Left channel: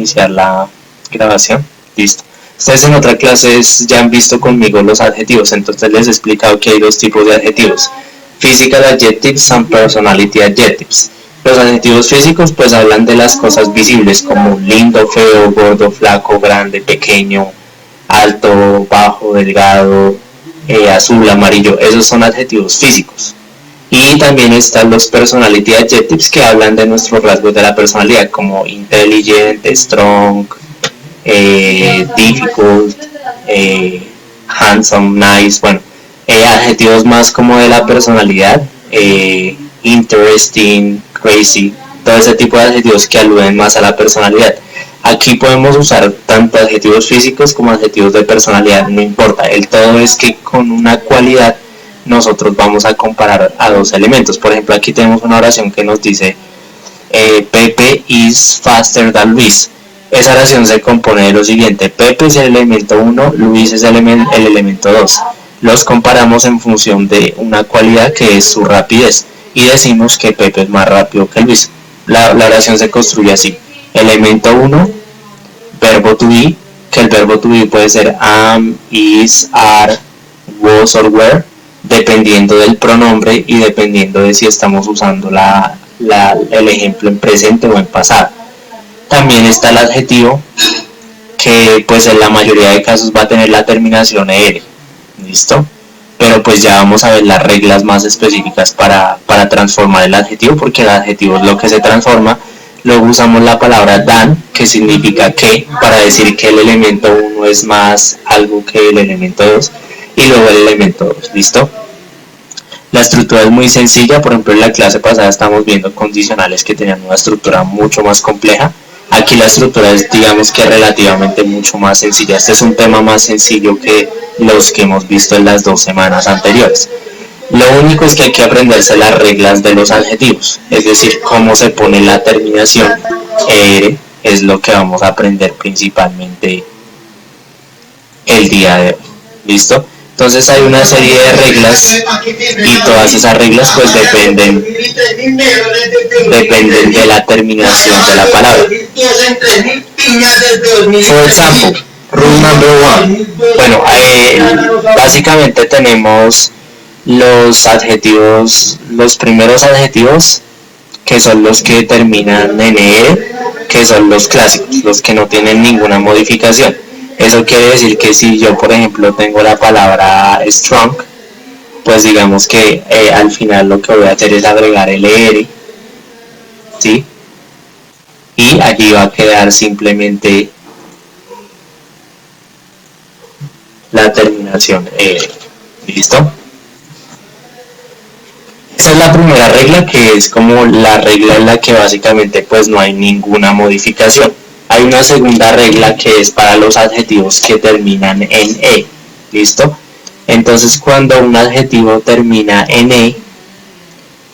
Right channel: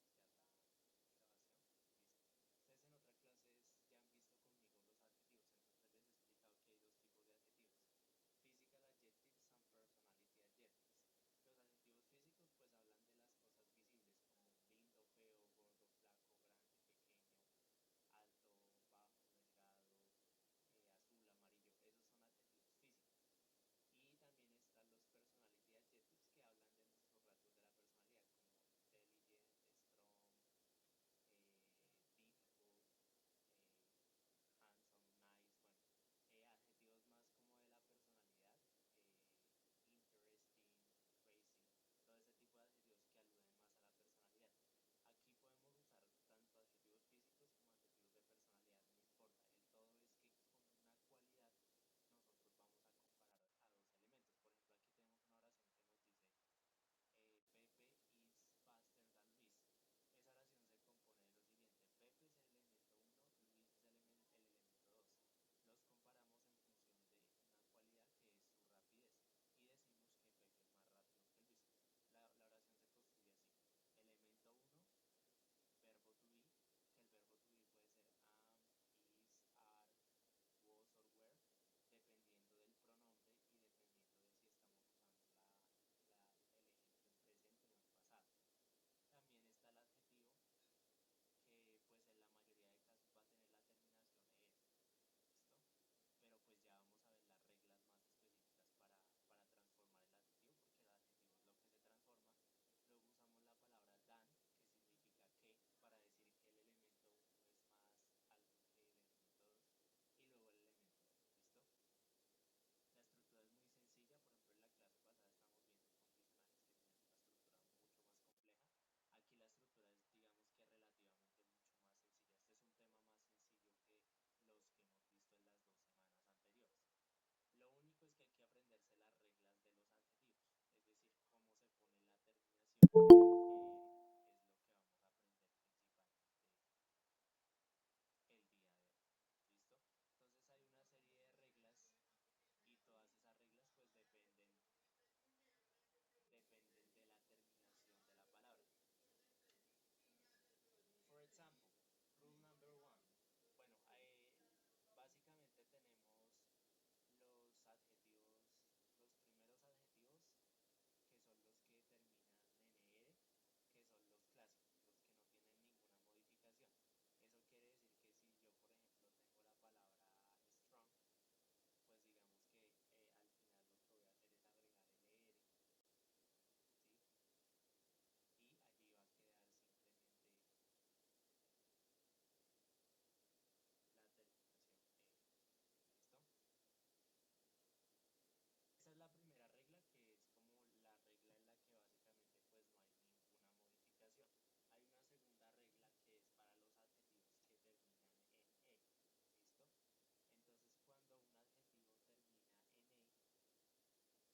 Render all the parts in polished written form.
iniciar la grabación. Listo. Ustedes en otra clase ya han visto conmigo los adjetivos, entonces les he explicado que hay dos tipos de adjetivos: physical adjectives and personality adjectives. Los adjetivos físicos pues hablan de las cosas visibles como lindo, feo, gordo, flaco, grande, pequeño, alto, bajo, delgado, azul, amarillo. Esos son adjetivos físicos. Y también están los personality adjectives, que hablan de nuestros rasgos de la personalidad, como intelligent, strong, difficult, handsome, nice. Bueno, adjetivos más como de la personalidad, interesting, crazy, todo ese tipo de adjetivos que aluden más a la personalidad. Aquí podemos usar tanto adjetivos físicos como adjetivos de personalidad, no importa. El todo es que con una cualidad nosotros vamos a comparar a dos elementos. Por ejemplo, aquí tenemos una oración que nos dice Pepe is faster than Luis. Esa oración se compone de lo siguiente: Pepe es el elemento 1, Luis es el elemento 2. Los comparamos en función de una cualidad que es su rapidez y decimos que Pepe es más rápido que Luis. La oración se construye así: elemento 1, verbo to be, que el verbo to be puede ser am, is, are, was or were, dependiendo del pronombre y dependiendo de si estamos usando el ejemplo en presente o en pasado. También está el adjetivo, que pues en la mayoría de casos va a tener la terminación er. ¿Listo? Pero pues ya vamos a ver las reglas más específicas para transformar el adjetivo, porque el adjetivo es lo que se transforma. Luego usamos la palabra than, que significa que, para decir que el elemento 1 es más algo que el elemento 2, y luego el elemento 2. ¿Listo? La estructura es muy sencilla. Por ejemplo, en la clase pasada estamos viendo condicionales que tenían una estructura mucho más compleja. Aquí la estructura es, digamos que relativamente mucho más sencilla. Este es un tema más sencillo que los que hemos visto en las 2 semanas anteriores. Lo único es que hay que aprenderse las reglas de los adjetivos, es decir, cómo se pone la terminación er, es lo que vamos a aprender principalmente el día de hoy. ¿Listo? Entonces hay una serie de reglas y todas esas reglas pues dependen de la terminación de la palabra. For example, rule number 1. Bueno, básicamente tenemos los adjetivos, los primeros adjetivos, que son los que terminan en er, que son los clásicos, los que no tienen ninguna modificación. Eso quiere decir que si yo, por ejemplo, tengo la palabra strong, pues digamos que al final lo que voy a hacer es agregar el er, ¿sí? Y allí va a quedar simplemente la terminación er. ¿Listo? Esa es la primera regla, que es como la regla en la que básicamente pues no hay ninguna modificación. Hay una segunda regla que es para los adjetivos que terminan en e. ¿Listo? Entonces cuando un adjetivo termina en e,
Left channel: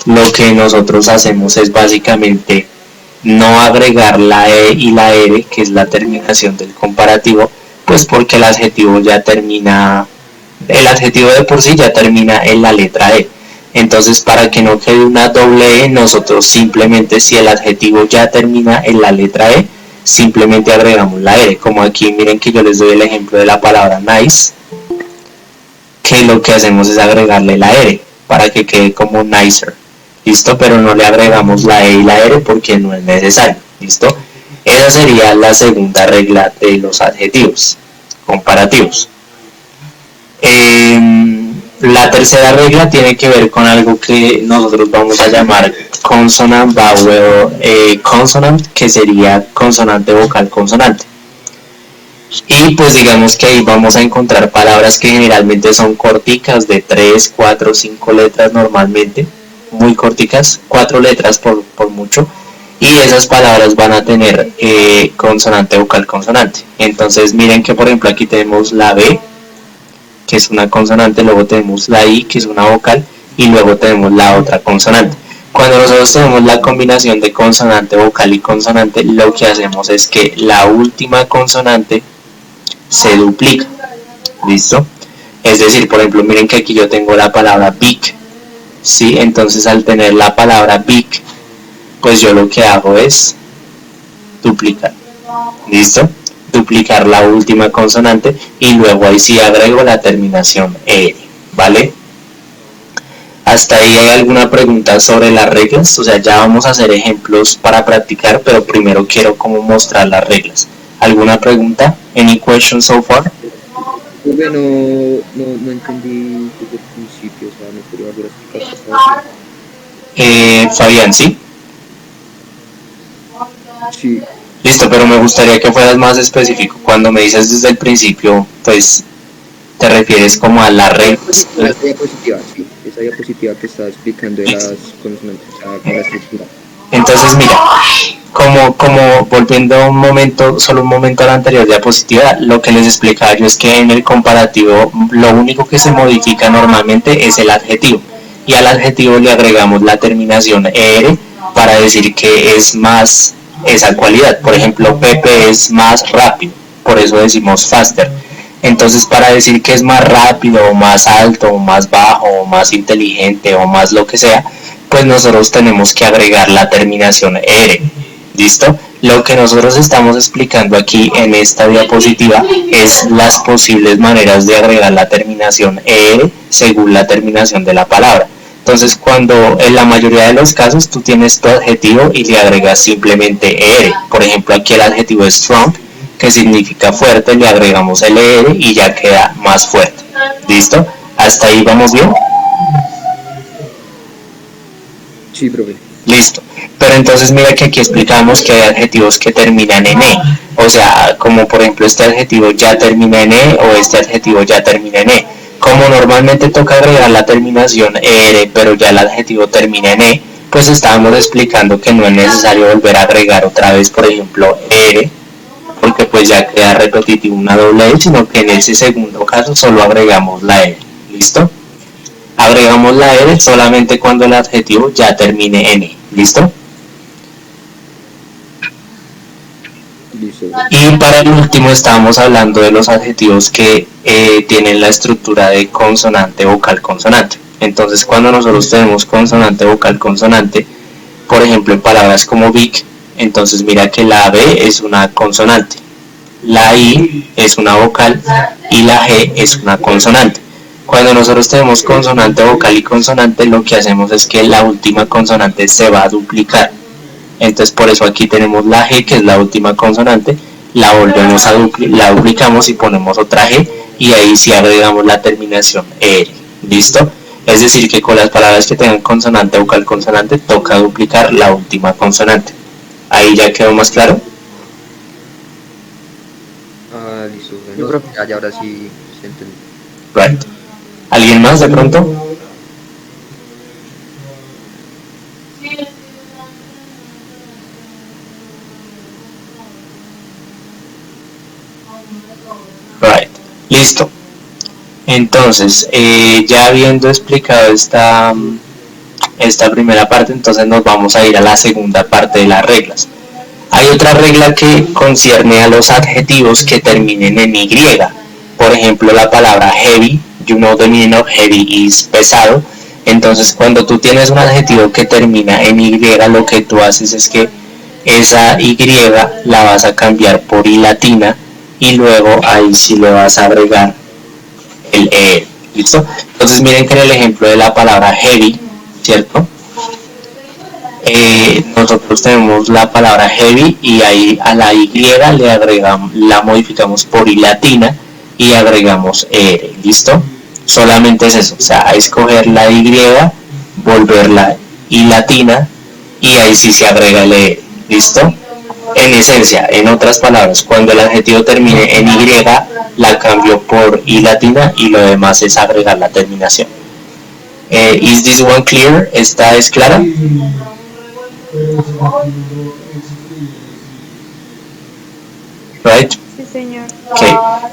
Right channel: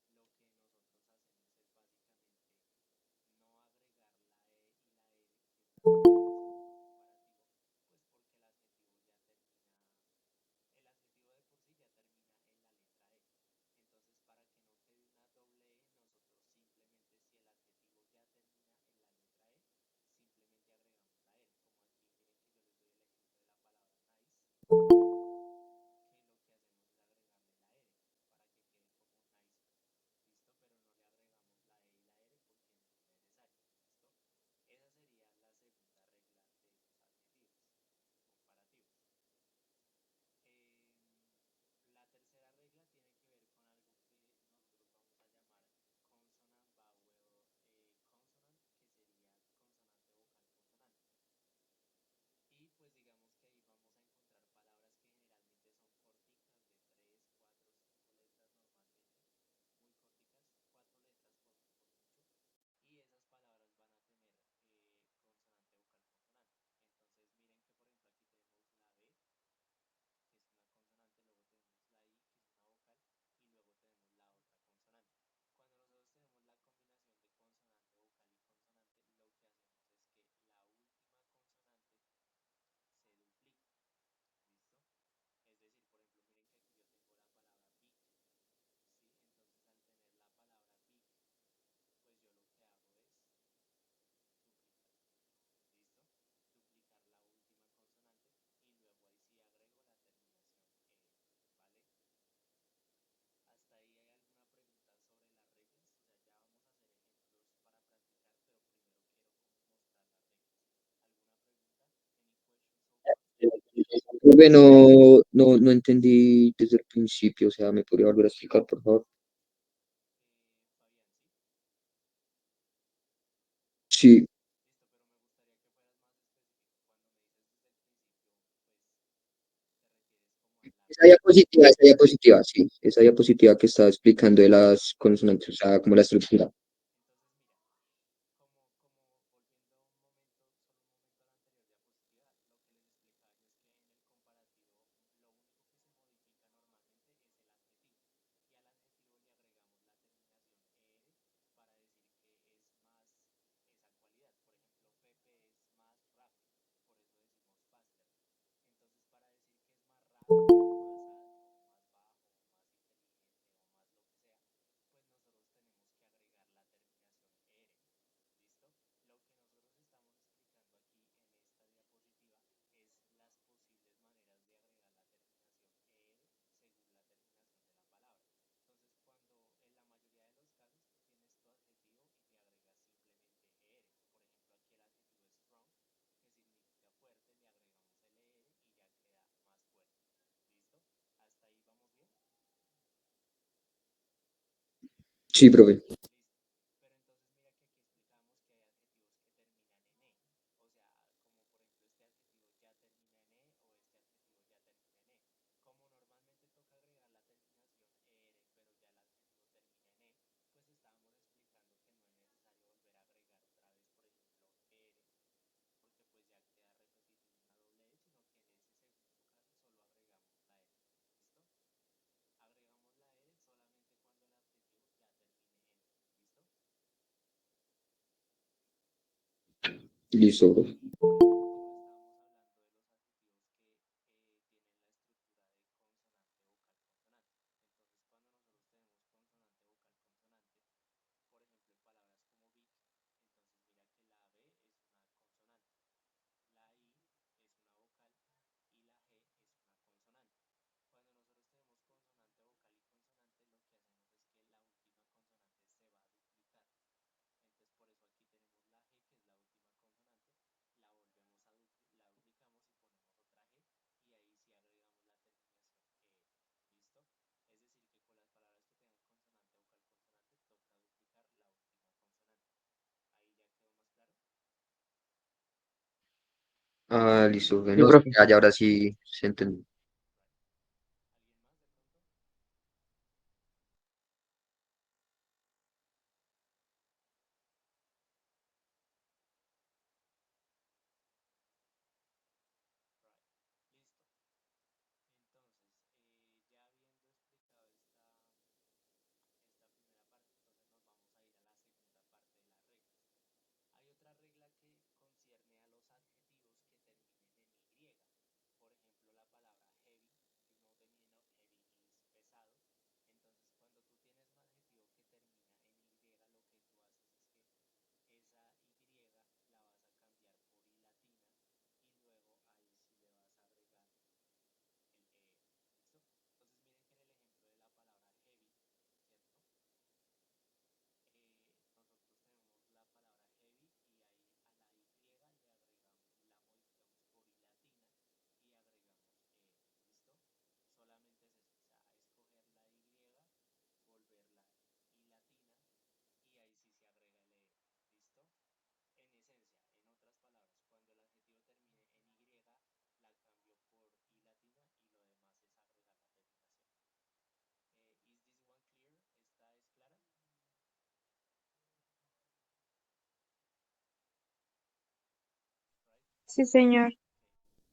lo que nosotros hacemos es básicamente no agregar la e y la r, que es la terminación del comparativo, pues porque el adjetivo ya termina, el adjetivo de por sí ya termina en la letra e. Entonces, para que no quede una doble e, nosotros simplemente, si el adjetivo ya termina en la letra e, simplemente agregamos la r. Como aquí miren que yo les doy el ejemplo de la palabra nice, que lo que hacemos es agregarle la r para que quede como nicer. ¿Listo? Pero no le agregamos la e y la r porque no es necesario. ¿Listo? Esa sería la segunda regla de los adjetivos comparativos. La tercera regla tiene que ver con algo que nosotros vamos a llamar consonant vowel consonant, que sería consonante vocal consonante. Y pues digamos que ahí vamos a encontrar palabras que generalmente son corticas, de 3, 4, 5 letras normalmente, muy corticas, 4 letras por mucho, y esas palabras van a tener consonante vocal consonante. Entonces miren que por ejemplo aquí tenemos la B, que es una consonante, luego tenemos la I, que es una vocal, y luego tenemos la otra consonante. Cuando nosotros tenemos la combinación de consonante, vocal y consonante, lo que hacemos es que la última consonante se duplica. ¿Listo? Es decir, por ejemplo, miren que aquí yo tengo la palabra big, ¿sí? Entonces al tener la palabra big, pues yo lo que hago es duplicar. ¿Listo? Duplicar la última consonante y luego ahí sí agrego la terminación ER, ¿vale? ¿Hasta ahí hay alguna pregunta sobre las reglas? O sea, ya vamos a hacer ejemplos para practicar, pero primero quiero como mostrar las reglas. ¿Alguna pregunta? Any questions so far? No entendí desde el principio, o sea, ¿me podría volver a explicar, por favor? Fabián, ¿sí? Sí. Listo, pero me gustaría que fueras más específico. Cuando me dices desde el principio, pues te refieres como a las reglas. Esa diapositiva, sí. Esa diapositiva que estaba explicando de las consonantes, o sea, como la estructura. Entonces, mira, como volviendo solo un momento a la anterior diapositiva, lo que les explicaba yo es que en el comparativo lo único que se modifica normalmente es el adjetivo. Y al adjetivo le agregamos la terminación ER para decir que es más esa cualidad. Por ejemplo, Pepe es más rápido, por eso decimos faster. Entonces, para decir que es más rápido, o más alto, o más bajo, o más inteligente, o más lo que sea, pues nosotros tenemos que agregar la terminación ER. ¿Listo? Lo que nosotros estamos explicando aquí en esta diapositiva es las posibles maneras de agregar la terminación ER según la terminación de la palabra. Entonces, cuando en la mayoría de los casos tú tienes tu adjetivo y le agregas simplemente ER. Por ejemplo, aquí el adjetivo es strong, que significa fuerte, le agregamos el ER y ya queda más fuerte. ¿Listo? ¿Hasta ahí vamos bien? Sí, profe. Listo. Pero entonces mira que aquí explicamos que hay adjetivos que terminan en E. O sea, como por ejemplo este adjetivo ya termina en E o este adjetivo ya termina en E. Como normalmente toca agregar la terminación ER, pero ya el adjetivo termina en E, pues estábamos explicando que no es necesario volver a agregar otra vez, por ejemplo, ER, porque pues ya queda repetitivo una doble E, sino que en ese segundo caso solo agregamos la ER. ¿Listo? Agregamos la ER solamente cuando el adjetivo ya termine en E. ¿Listo? Listo. Y para el último estábamos hablando de los adjetivos que tienen la estructura de consonante, vocal, consonante. Entonces cuando nosotros tenemos consonante, vocal, consonante, por ejemplo en palabras como big, entonces mira que la B es una consonante, la I es una vocal y la G es una consonante. Cuando nosotros tenemos consonante, vocal y consonante, lo que hacemos es que la última consonante se va a duplicar. Entonces por eso aquí tenemos la G, que es la última consonante, la volvemos la duplicamos y ponemos otra G y ahí sí agregamos la terminación ER. ¿Listo? Es decir que con las palabras que tengan consonante, vocal, consonante, toca duplicar la última consonante. ¿Ahí ya quedó más claro? Ah, listo. Bueno, profe. Ya ahora sí se entendió. Right. ¿Alguien más de pronto? Right. Listo. Entonces, ya habiendo explicado esta primera parte, entonces nos vamos a ir a la segunda parte de las reglas. Hay otra regla que concierne a los adjetivos que terminen en Y. Por ejemplo, la palabra heavy, you know the meaning of heavy is pesado. Entonces, cuando tú tienes un adjetivo que termina en Y, lo que tú haces es que esa Y la vas a cambiar por I latina y luego ahí sí le vas a agregar el E. ¿Listo? Entonces miren que en el ejemplo de la palabra heavy, ¿cierto? Nosotros tenemos la palabra heavy y ahí a la Y le agregamos, la modificamos por I latina y agregamos ER. ¿Listo? Solamente es eso, o sea, a escoger la Y, volverla I latina y ahí sí se agrega el ER. ¿Listo? En esencia, en otras palabras, cuando el adjetivo termine en Y, la cambio por I latina y lo demás es agregar la terminación. ¿Is this one clear? ¿Esta es clara? Right? Sí, señor. Ok,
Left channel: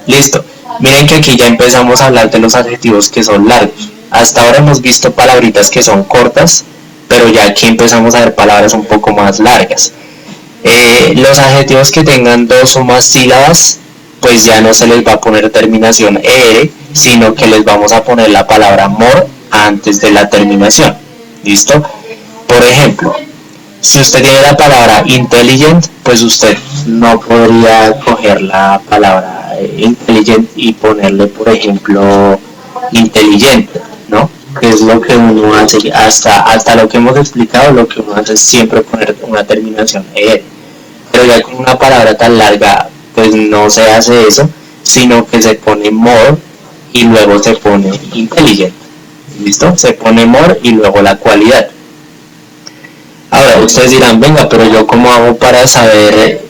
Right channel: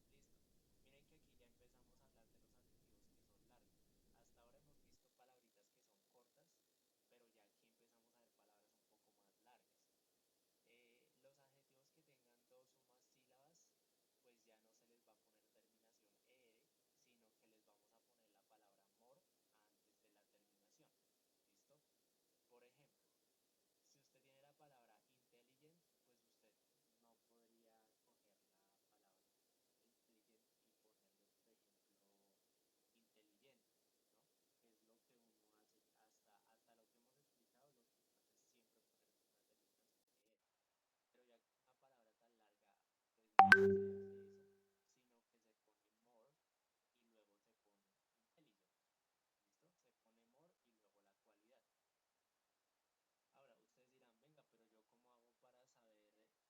listo. Miren que aquí ya empezamos a hablar de los adjetivos que son largos. Hasta ahora hemos visto palabritas que son cortas, pero ya aquí empezamos a ver palabras un poco más largas. Los adjetivos que tengan dos o más sílabas, pues ya no se les va a poner terminación ER, sino que les vamos a poner la palabra more antes de la terminación. ¿Listo? Por ejemplo, si usted tiene la palabra intelligent, pues usted no podría coger la palabra intelligent y ponerle, por ejemplo, inteligente, ¿no? Que es lo que uno hace, hasta lo que hemos explicado, lo que uno hace es siempre poner una terminación ER. Pero ya con una palabra tan larga, pues no se hace eso, sino que se pone more y luego se pone intelligent. ¿Listo? Se pone more y luego la cualidad. Ahora, ustedes dirán, venga, pero yo cómo hago para saber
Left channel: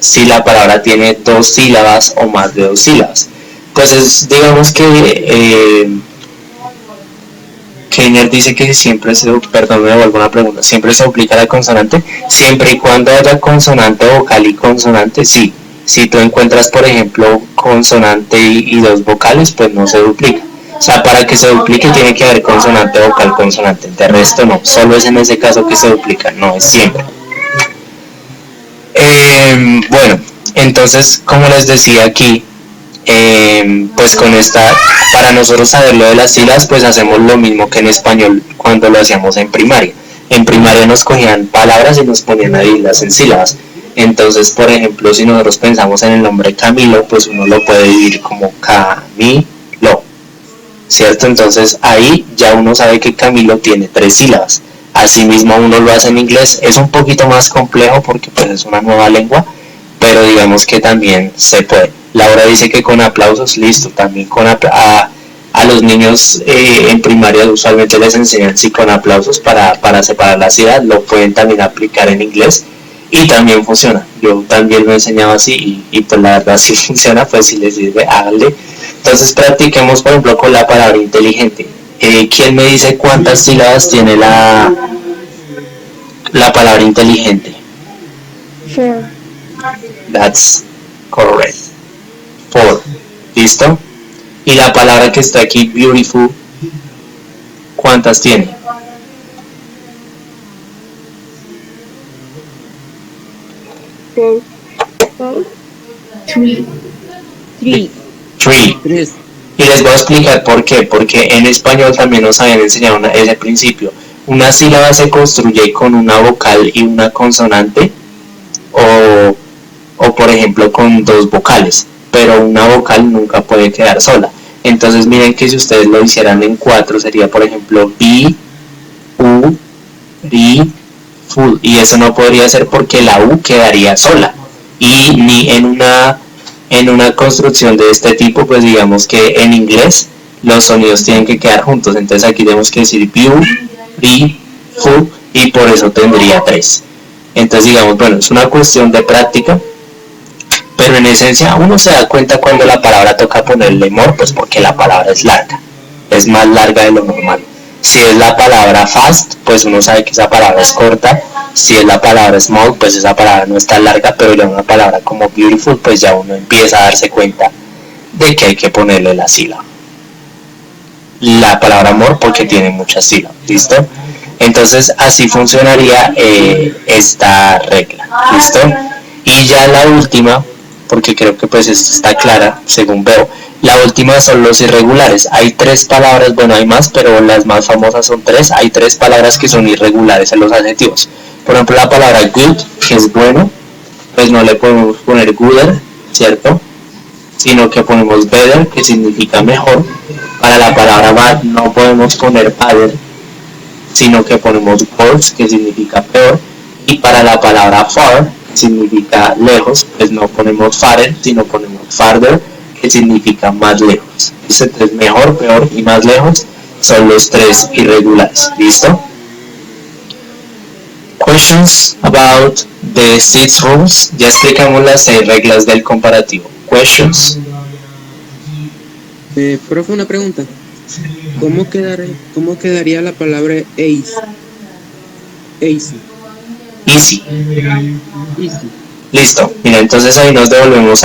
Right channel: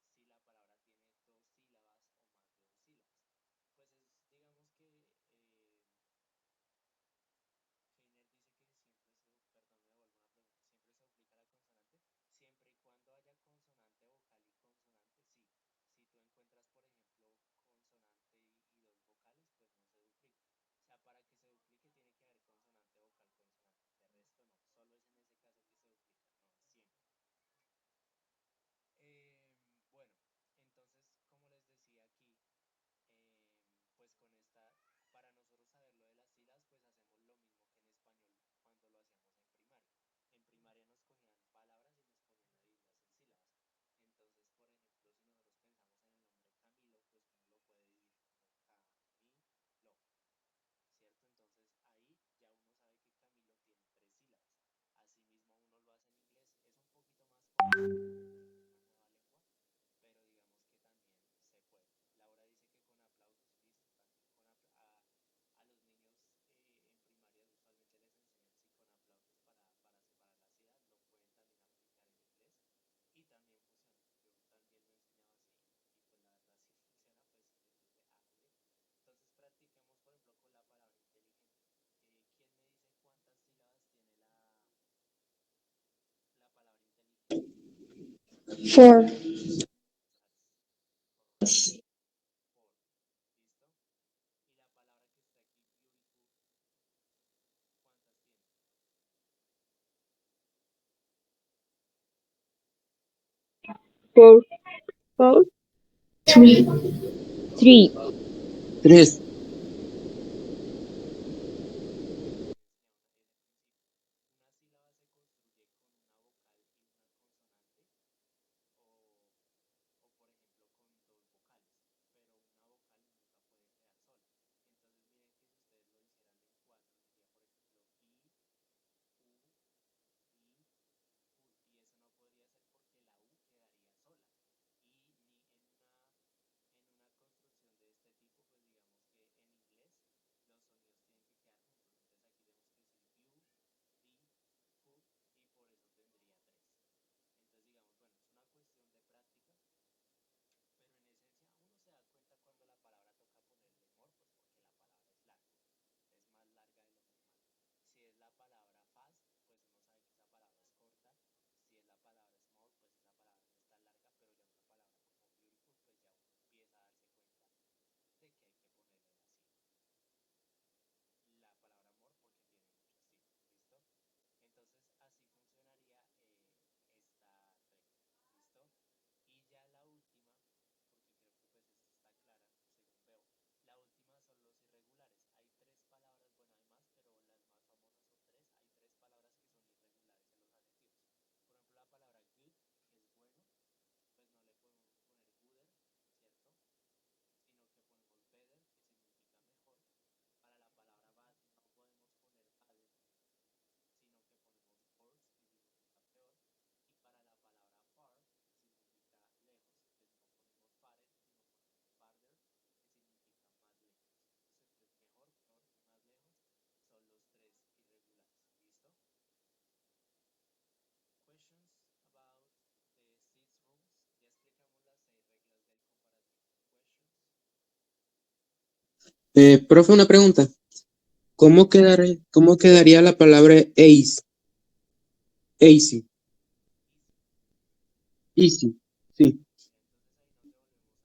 si la palabra tiene 2 sílabas o más de 2 sílabas? Pues es, digamos que Keiner dice que siempre perdón, me devuelvo una pregunta, siempre se duplica la consonante, siempre y cuando haya consonante vocal y consonante, sí. Si tú encuentras, por ejemplo, consonante y 2 vocales, pues no se duplica. O sea, para que se duplique tiene que haber consonante vocal, consonante. De resto no, solo es en ese caso que se duplica, no es siempre. Bueno, entonces, como les decía aquí, pues con esta, para nosotros saber lo de las sílabas, pues hacemos lo mismo que en español cuando lo hacíamos en primaria. En primaria nos cogían palabras y nos ponían a dividirlas en sílabas. Entonces, por ejemplo, si nosotros pensamos en el nombre Camilo, pues uno lo puede dividir como Camilo, ¿cierto? Entonces ahí ya uno sabe que Camilo tiene 3 sílabas. Asimismo uno lo hace en inglés, es un poquito más complejo porque pues es una nueva lengua, pero digamos que también se puede. Laura dice que con aplausos, listo, también a los niños en primaria usualmente les enseñan sí con aplausos para separar la ciudad, lo pueden también aplicar en inglés y también funciona. Yo también lo he enseñado así y pues la verdad sí funciona, pues si les sirve, háganle. Entonces practiquemos, por ejemplo, con la palabra inteligente. ¿Quién me dice cuántas sílabas tiene la palabra inteligente? 4. That's correct. 4. ¿Listo? Y la palabra que está aquí, beautiful, ¿cuántas tiene? 4. 3. 3. Y les voy a explicar por qué. Porque en español también nos habían enseñado ese principio. Una sílaba se construye con una vocal y una consonante, o por ejemplo con 2 vocales, pero una vocal nunca puede quedar sola. Entonces miren que si ustedes lo hicieran en 4 sería por ejemplo be, u, ri, full, y eso no podría ser porque la u quedaría sola, y ni en una construcción de este tipo, pues digamos que en inglés los sonidos tienen que quedar juntos. Entonces aquí tenemos que decir view, be, full, y por eso tendría 3. Entonces digamos, bueno, es una cuestión de práctica, pero en esencia uno se da cuenta cuando la palabra toca ponerle more, pues porque la palabra es larga, es más larga de lo normal. Si es la palabra fast, pues uno sabe que esa palabra es corta. Si es la palabra small, pues esa palabra no es tan larga, pero ya una palabra como beautiful, pues ya uno empieza a darse cuenta de que hay que ponerle la sílaba. La palabra more porque tiene muchas sílabas, ¿listo? Entonces así funcionaría esta regla, ¿listo? Y ya la última, porque creo que pues esto está clara, según veo, la última son los irregulares. Hay 3 palabras, bueno hay más, pero las más famosas son 3. Hay 3 palabras que son irregulares en los adjetivos. Por ejemplo, la palabra good, que es bueno, pues no le podemos poner gooder, ¿cierto? Sino que ponemos better, que significa mejor. Para la palabra bad no podemos poner badder, sino que ponemos worse, que significa peor. Y para la palabra far, que significa lejos, pues no ponemos farther, sino ponemos farther, que significa más lejos. Entonces mejor, peor y más lejos son los 3 irregulares. ¿Listo? Questions about the 6 rules. Ya explicamos las 6 reglas del comparativo. Questions. Profe, una pregunta. ¿Cómo quedaría la palabra ace? Easy. Listo. Mira, entonces ahí nos devolvemos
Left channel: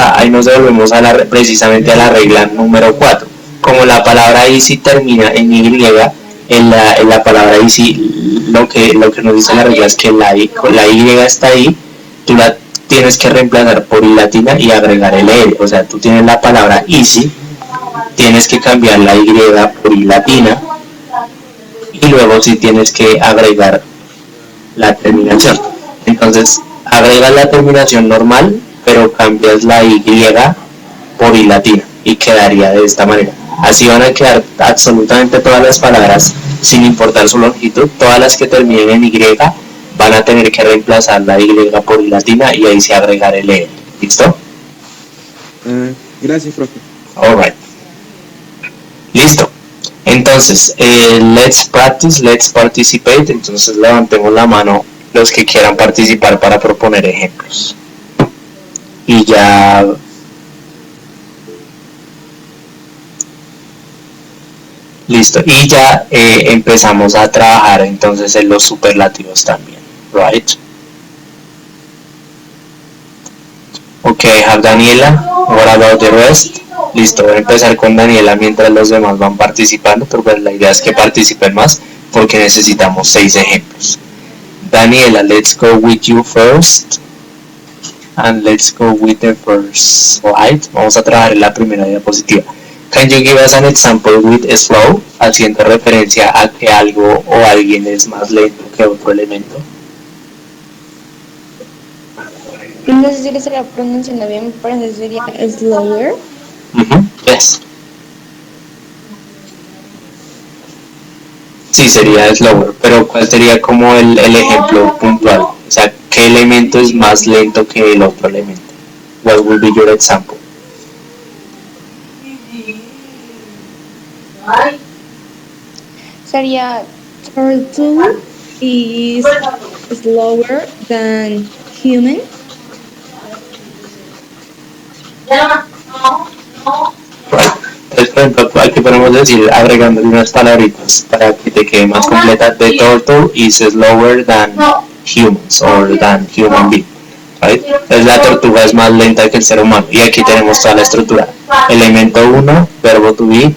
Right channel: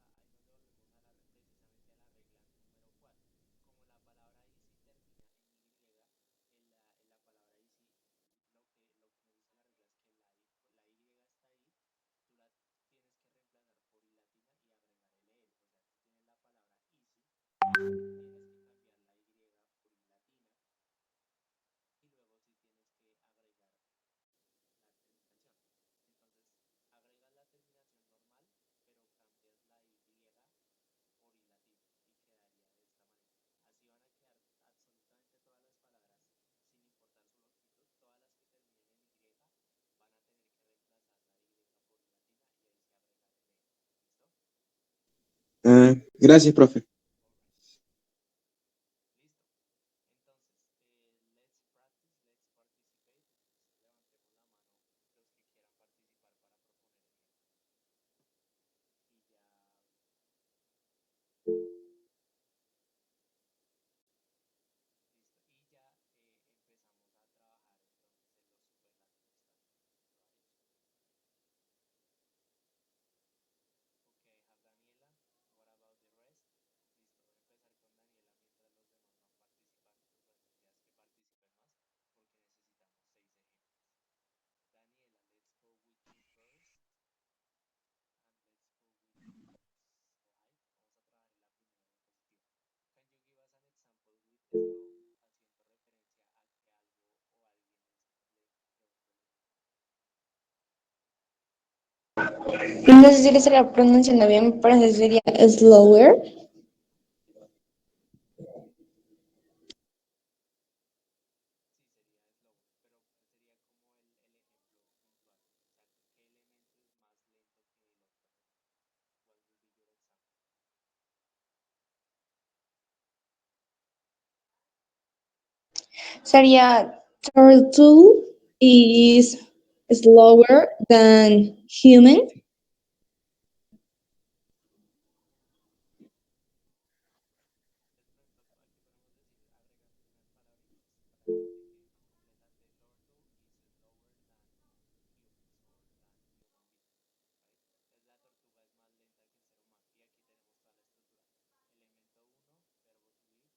precisamente a la regla número 4. Como la palabra easy termina en y, en la palabra easy lo que nos dice la regla es que la y está ahí, tú la tienes que reemplazar por i latina y agregar el l. O sea, tú tienes la palabra easy, tienes que cambiar la y por i latina y luego sí tienes que agregar la terminación. Entonces agregas la terminación normal, pero cambias la Y por I latina y quedaría de esta manera. Así van a quedar absolutamente todas las palabras sin importar su longitud, todas las que terminen en Y van a tener que reemplazar la Y por I latina y ahí se agregar el E. ¿Listo? Gracias, profe. Alright. Listo. Entonces, let's practice, let's participate. Entonces levantemos la mano los que quieran participar para proponer ejemplos. Y ya... Listo. Y ya empezamos a trabajar entonces en los superlativos también. Right? Okay, I have Daniela. What about the rest? Listo, voy a empezar con Daniela mientras los demás van participando, pero pues la idea es que participen más porque necesitamos 6 ejemplos. Daniela, let's go with you first. And let's go with the first slide. Vamos a trabajar en la primera diapositiva. Can you give us an example with slow? Haciendo referencia a que algo o alguien es más lento que otro elemento. No sé si le estará pronunciando bien, me parece que sería slower. Yes. Sí, sería slower, pero ¿cuál sería como el ejemplo puntual? O sea, ¿qué elemento es más lento que el otro elemento? What will be your example? Sería turtle is slower than human. Right. Entonces, por ejemplo, aquí podemos decir, agregándole unas palabritas para que te quede más completa. The turtle is slower than humans or than human being. Right? Entonces la tortuga es más lenta que el ser humano. Y aquí tenemos toda la estructura. Elemento 1, verbo to be,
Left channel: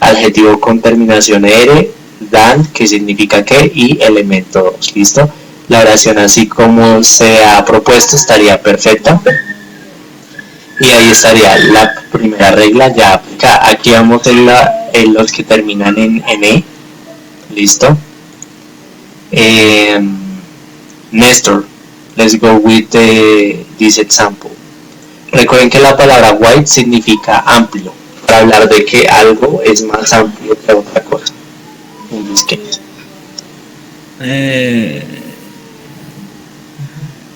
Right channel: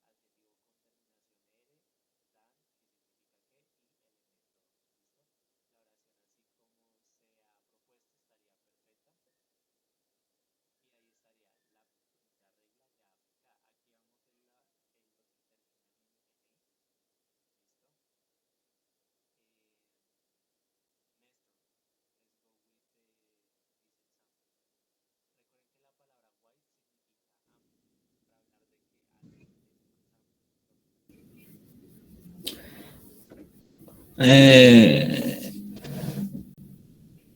adjetivo con terminación er, than, que significa que, y elemento 2. ¿Listo? La oración así como se ha propuesto estaría perfecta. Y ahí estaría la primera regla ya aplicada. Aquí vamos en los que terminan en E. ¿Listo? Néstor, let's go with this example. Recuerden que la palabra wide significa amplio, para hablar de que algo es más amplio que otra cosa. In this case.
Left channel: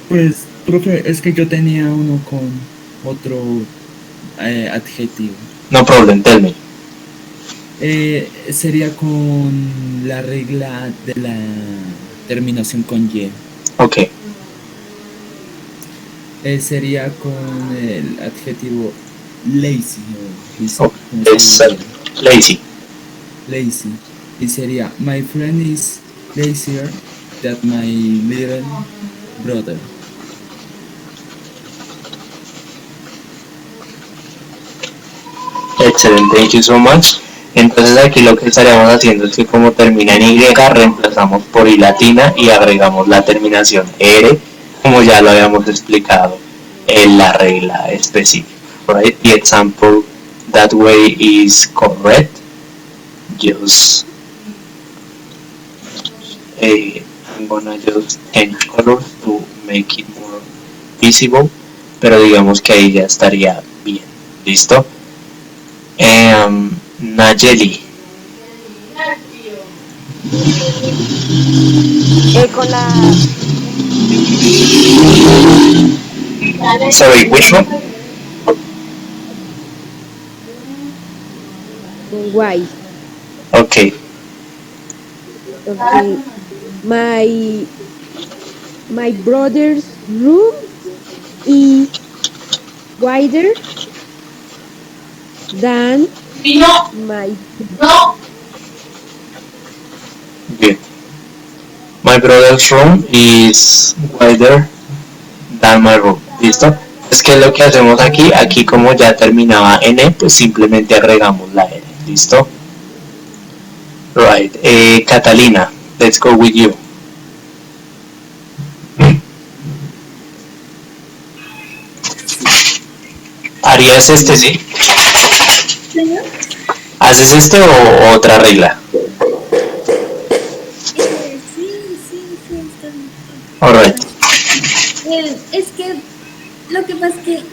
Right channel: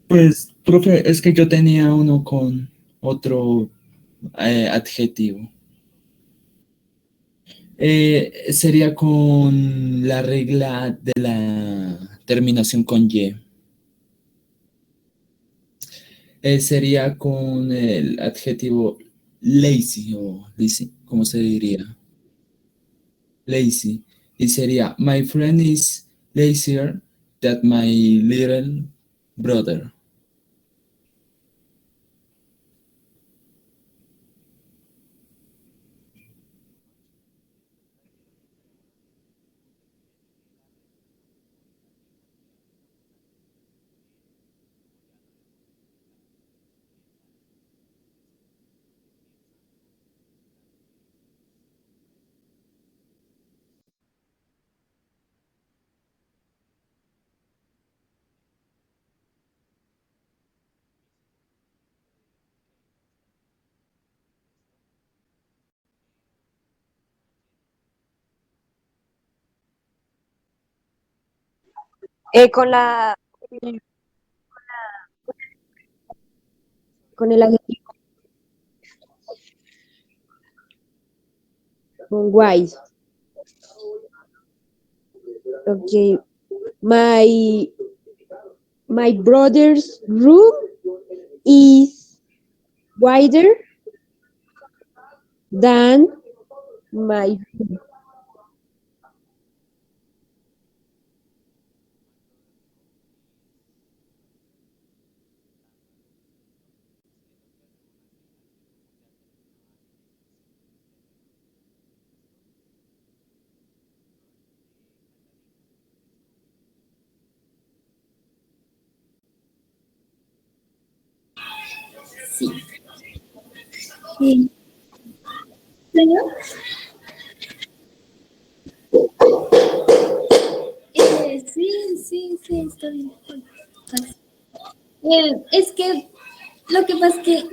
Pues, profe, es que yo tenía uno con otro adjetivo. No problem, tell me. Sería con la regla de la terminación con Y. Ok. Sería con el adjetivo lazy o ¿cómo se diría? Lazy. Lazy. Y sería my friend is lazier than my little brother. Excelente, thank you so much. Entonces aquí lo que estaríamos haciendo es que como termina en Y, reemplazamos por I latina y agregamos la terminación R, como ya lo habíamos explicado en la regla específica. Right? The example that way is correct. Just I'm gonna just change colors to make it more visible, pero digamos que ahí ya estaría bien. ¿Listo? Nayeli. Con la... Sorry, which one? Con guay. Okay. Okay. My brother's room is wider than my... Good. My brother's room is wider than my room. ¿Listo? Es que lo que hacemos aquí como ya terminaba en E, pues simplemente agregamos la R. ¿Listo? Right. Catalina, let's go with you. ¿Harías este, sí? ¿Haces este o otra regla? Sí, está bien. Alright. Es que lo que pasa es que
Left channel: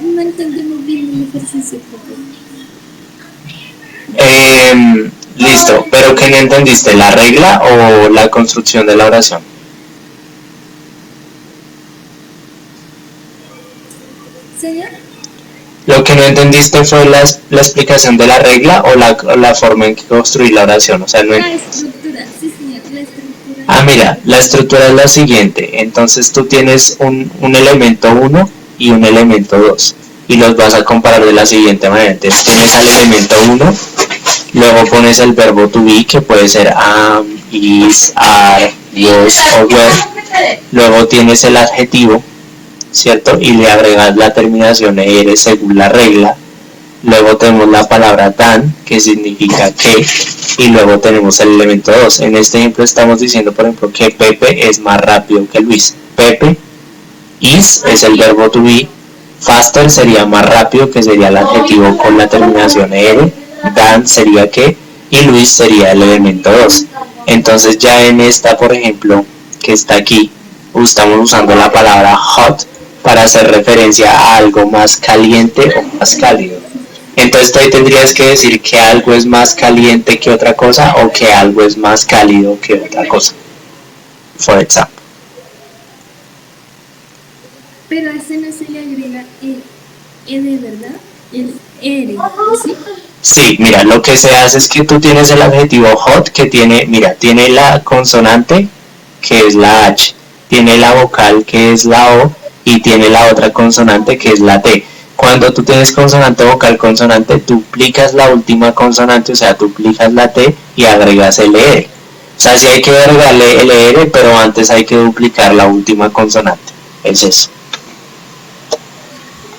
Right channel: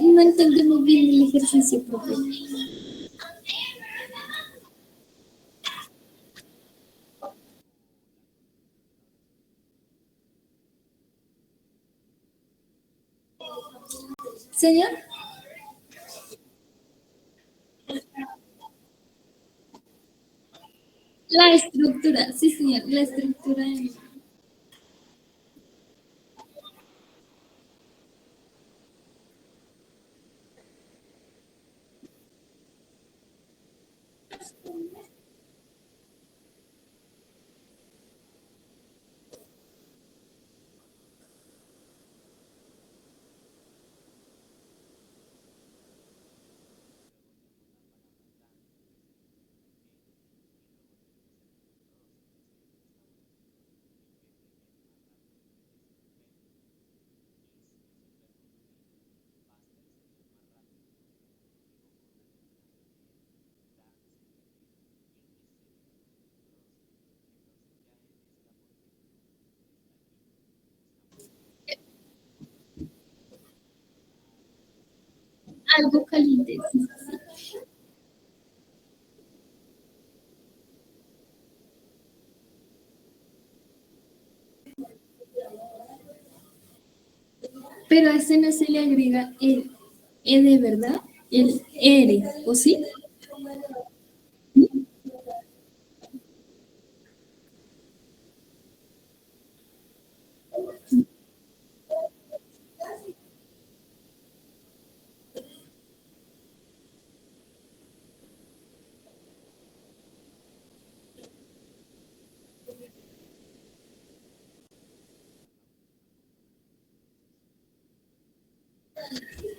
no entendí muy bien el ejercicio propio. Listo, pero ¿qué no entendiste? ¿La regla o la construcción de la oración? ¿Señor? Lo que no entendiste fue la explicación de la regla o la forma en que construir la oración. O sea, no La entiendes. estructura, sí, señor, la estructura. Ah, mira, la estructura es la siguiente. Entonces tú tienes un elemento 1 y un elemento 2 y los vas a comparar de la siguiente manera. Entonces tienes al elemento 1, luego pones el verbo to be, que puede ser am, is, are, was o were. Luego tienes el adjetivo, ¿cierto? Y le agregas la terminación er según la regla. Luego tenemos la palabra than, que significa que, y luego tenemos el elemento 2. En este ejemplo estamos diciendo, por ejemplo, que Pepe es más rápido que Luis. Pepe, is es el verbo to be, faster sería más rápido, que sería el adjetivo con la terminación er, than sería que, y Luis sería el elemento 2. Entonces ya en esta, por ejemplo, que está aquí, estamos usando la palabra hot para hacer referencia a algo más caliente o más cálido. Entonces tú ahí tendrías que decir que algo es más caliente que otra cosa o que algo es más cálido que otra cosa. For example. Pero a ese no se le agrega el ¿verdad? El ere, ¿o sí? Sí, mira, lo que se hace es que tú tienes el adjetivo hot que tiene, mira, tiene la consonante que es la H, tiene la vocal que es la O y tiene la otra consonante que es la T. Cuando tú tienes consonante, vocal, consonante, duplicas la última consonante, o sea, duplicas la T y agregas el ER. O sea, sí hay que agregarle el ER, pero antes hay que duplicar la última consonante. Es eso.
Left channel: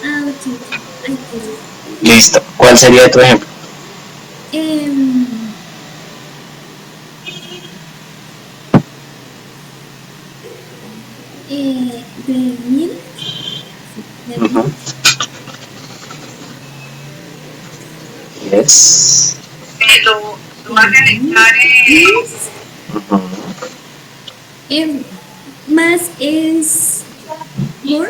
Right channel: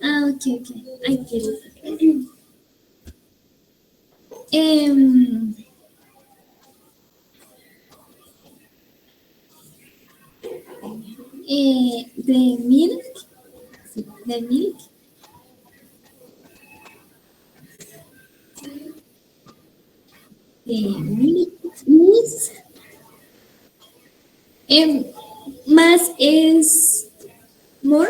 Ah, ok, ok. Ay, qué Listo. ¿Cuál sería tu ejemplo? De milk. Sí, de milk. Yes. Is, más es more.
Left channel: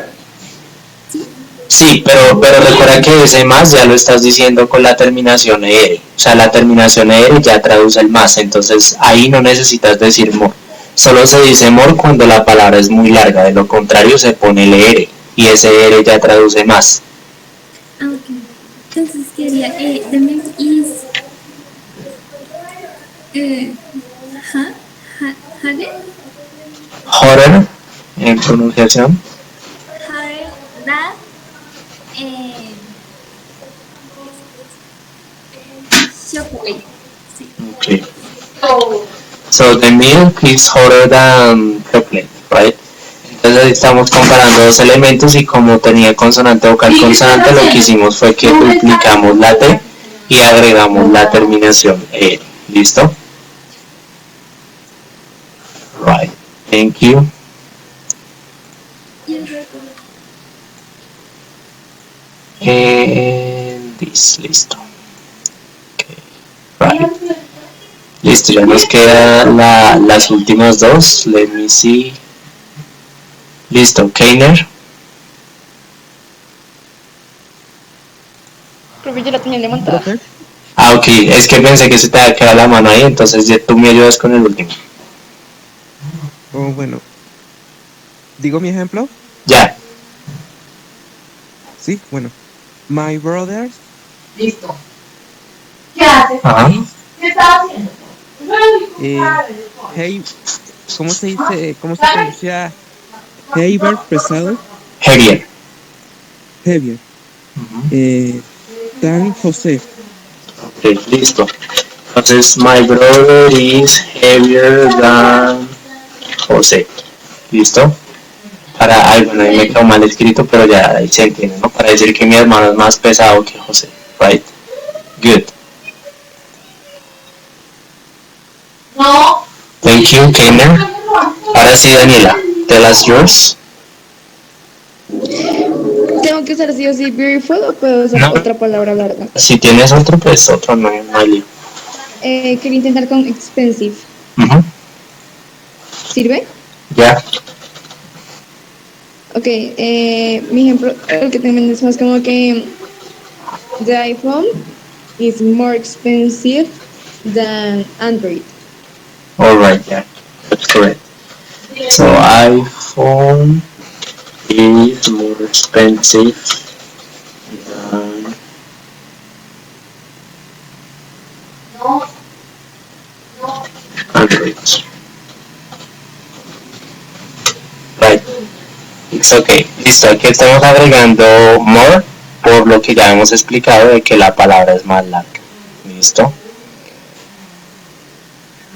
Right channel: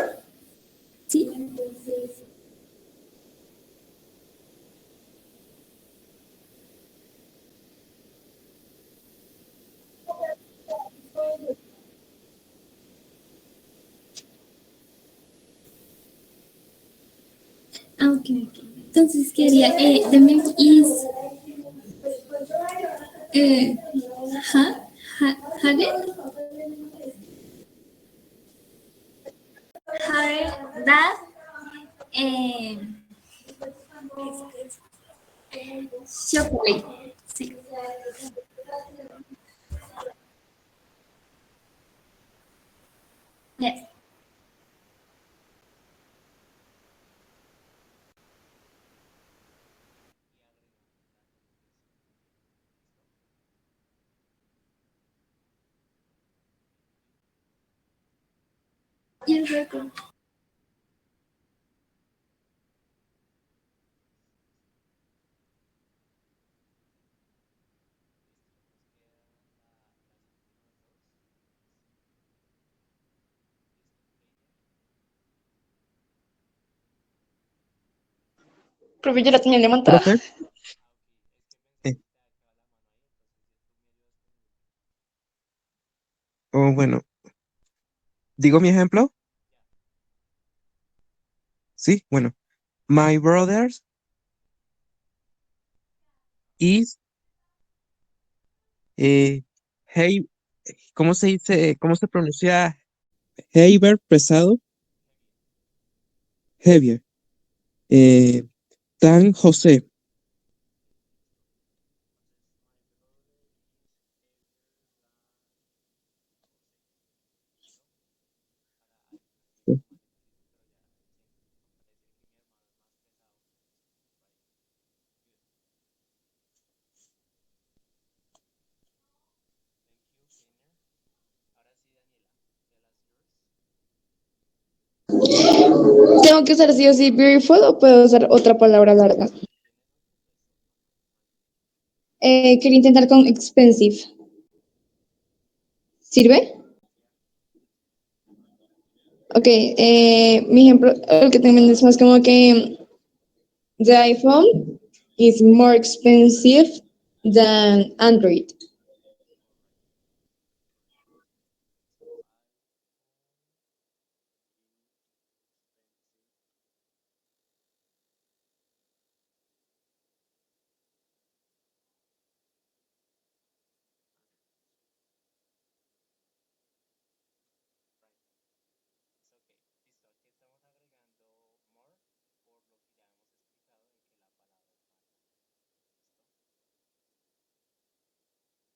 ¿Sí? Sí, pero recuerda que ese más ya lo estás diciendo con la terminación ER. O sea, la terminación ER ya traduce el más, entonces ahí no necesitas decir more. Solo se dice more cuando la palabra es muy larga, de lo contrario se pone el ER y ese ER ya traduce más. Ah, ok. Entonces quería, the milk is harder Hotter en pronunciación. than chocolate. Sí. Okay. So the milk is hotter than chocolate, right? Entonces ahí estamos comparando dos elementos y como tenía consonante, vocal, consonante, lo que hicimos fue que duplicamos la T y agregamos la terminación E. ¿Listo? Right. Thank you. You're welcome. And this, listo. Okay. Right. Listo, ya nos quedan las últimas dos. Let me see. Listo, Keiner. Profe, yo la tenía levantada. ¿Profe? Ah, ok, es que pensé que se te había quedado la mano ahí, entonces ya tú me ayudas con el último. Oh, bueno. ¿Digo mi ejemplo? Ya. Sí, bueno. My brothers Listo. ¿Qué haces? Ajá. is, ¿Qué estás haciendo? hey, ¿cómo se dice? ¿Cómo se pronuncia? Heiber pesado, Heavier. heavier. Tan José. Ok, listo. Entonces, my brother is heavier than José. ¿Listo? Para, ay, bueno, ahí me quedó mal escrito, pero ya ahí se entiende, ¿no? Para decir que mi hermano es más pesado que José. Right? Good. No. Thank you, Keiner. Ahora sí, Daniela. Tell us yours. ¿Tengo que usar sí o sí beautiful o puedo usar No. otra palabra larga? Si tienes otro, pues otro, no hay lío. Quería intentar con expensive. Ujú. ¿Sirve? Ya. Ok, mi ejemplo, el que también es más como que the iPhone is more expensive than Android. Alright, yeah, that's correct. So iPhone is more expensive than Android. Right, it's okay. Listo, aquí estamos agregando more por lo que ya hemos explicado de que la palabra es más larga. Listo.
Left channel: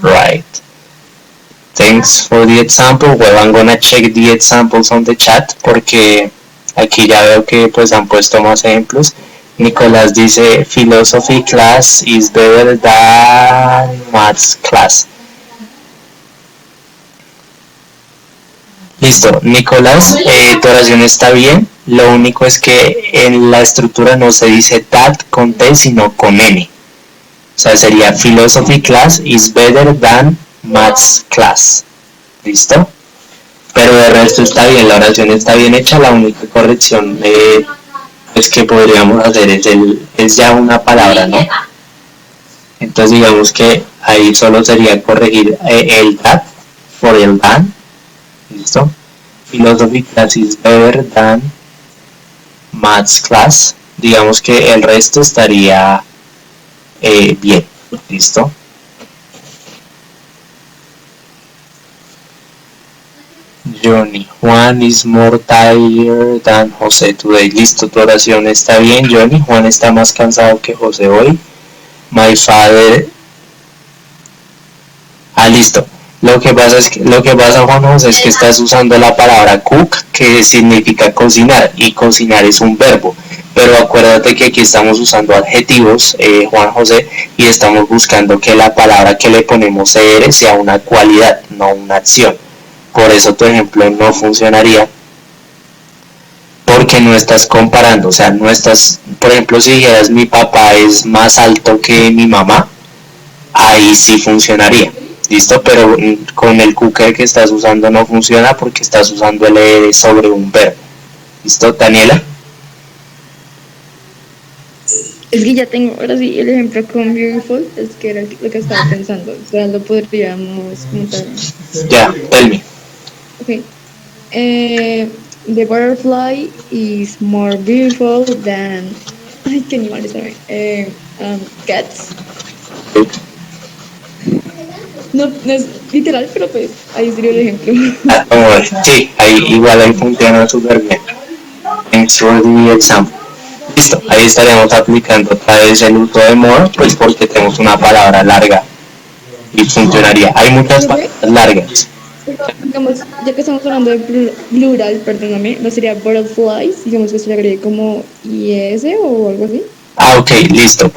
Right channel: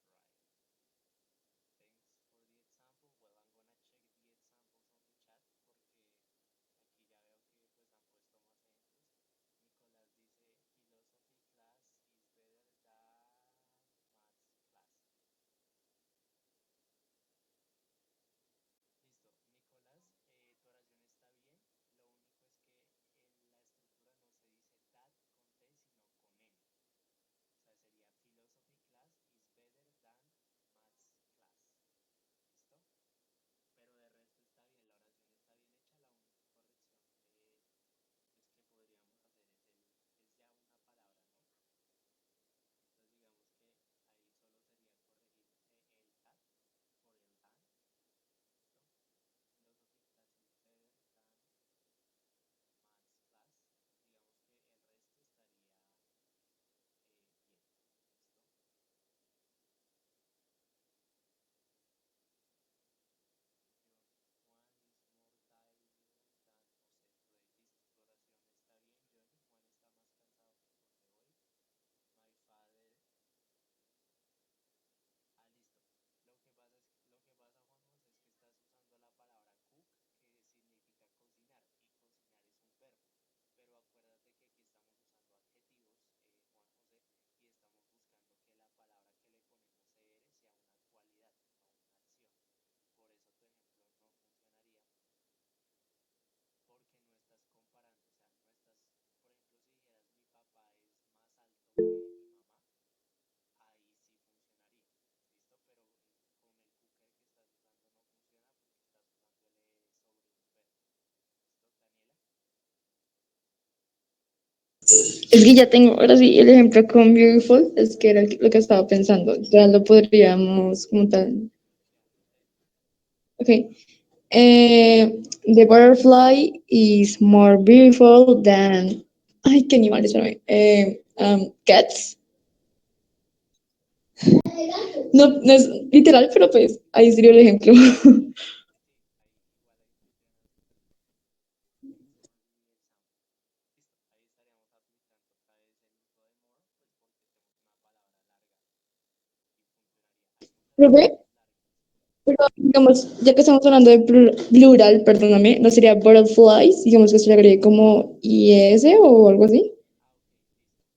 Right. Thanks for the example. Well, I'm gonna check the examples on the chat porque aquí ya veo que pues han puesto más ejemplos. Nicolás dice philosophy class is better than maths class. Listo, Nicolás, tu oración está bien. Lo único es que en la estructura no se dice that con T, sino con N. O sea, sería philosophy class is better than maths class. ¿Listo? Pero de resto está bien, la oración está bien hecha. La única corrección es que podríamos hacer es ya una palabra, ¿no? Entonces digamos que ahí solo sería corregir el that por el than. ¿Listo? Philosophy class is better than maths class. Digamos que el resto estaría bien. ¿Listo? Johnny, Juan is more tired than José today. Listo, tu oración está bien, Johnny. Juan está más cansado que José hoy. My father. Listo. Lo que pasa, Juan José, es que estás usando la palabra cook, que significa cocinar, y cocinar es un verbo. Pero acuérdate que aquí estamos usando adjetivos, Juan José, y estamos buscando que la palabra que le ponemos er sea una cualidad, no una acción. Por eso tu ejemplo no funcionaría, porque no estás comparando, o sea, no estás, por ejemplo, si dijeras mi papá es más alto que mi mamá, ahí sí funcionaría. ¿Listo? Pero con el cooker que estás usando no funciona porque estás usando el ER sobre un verbo. ¿Listo, Daniela? Es que ya tengo, ahora sí, el ejemplo con beautiful, es que era lo que estaba pensando. O sea, lo podríamos montar. Ya, tell me. Ok. The butterfly is more beautiful than... Ay, qué animal, espérame. Cats. No es literal, pero pues ahí sería el ejemplo. Sí, ahí funciona súper bien. Thanks for the example. Listo, ahí estaríamos aplicando otra vez el uso de more, pues porque tenemos una palabra larga y funcionaría. Hay muchas palabras largas. Pero, digamos, ya que estamos hablando de plural, perdóname, ¿no sería butterflies? Digamos que se le agregue como IS o algo así. Ok, listo.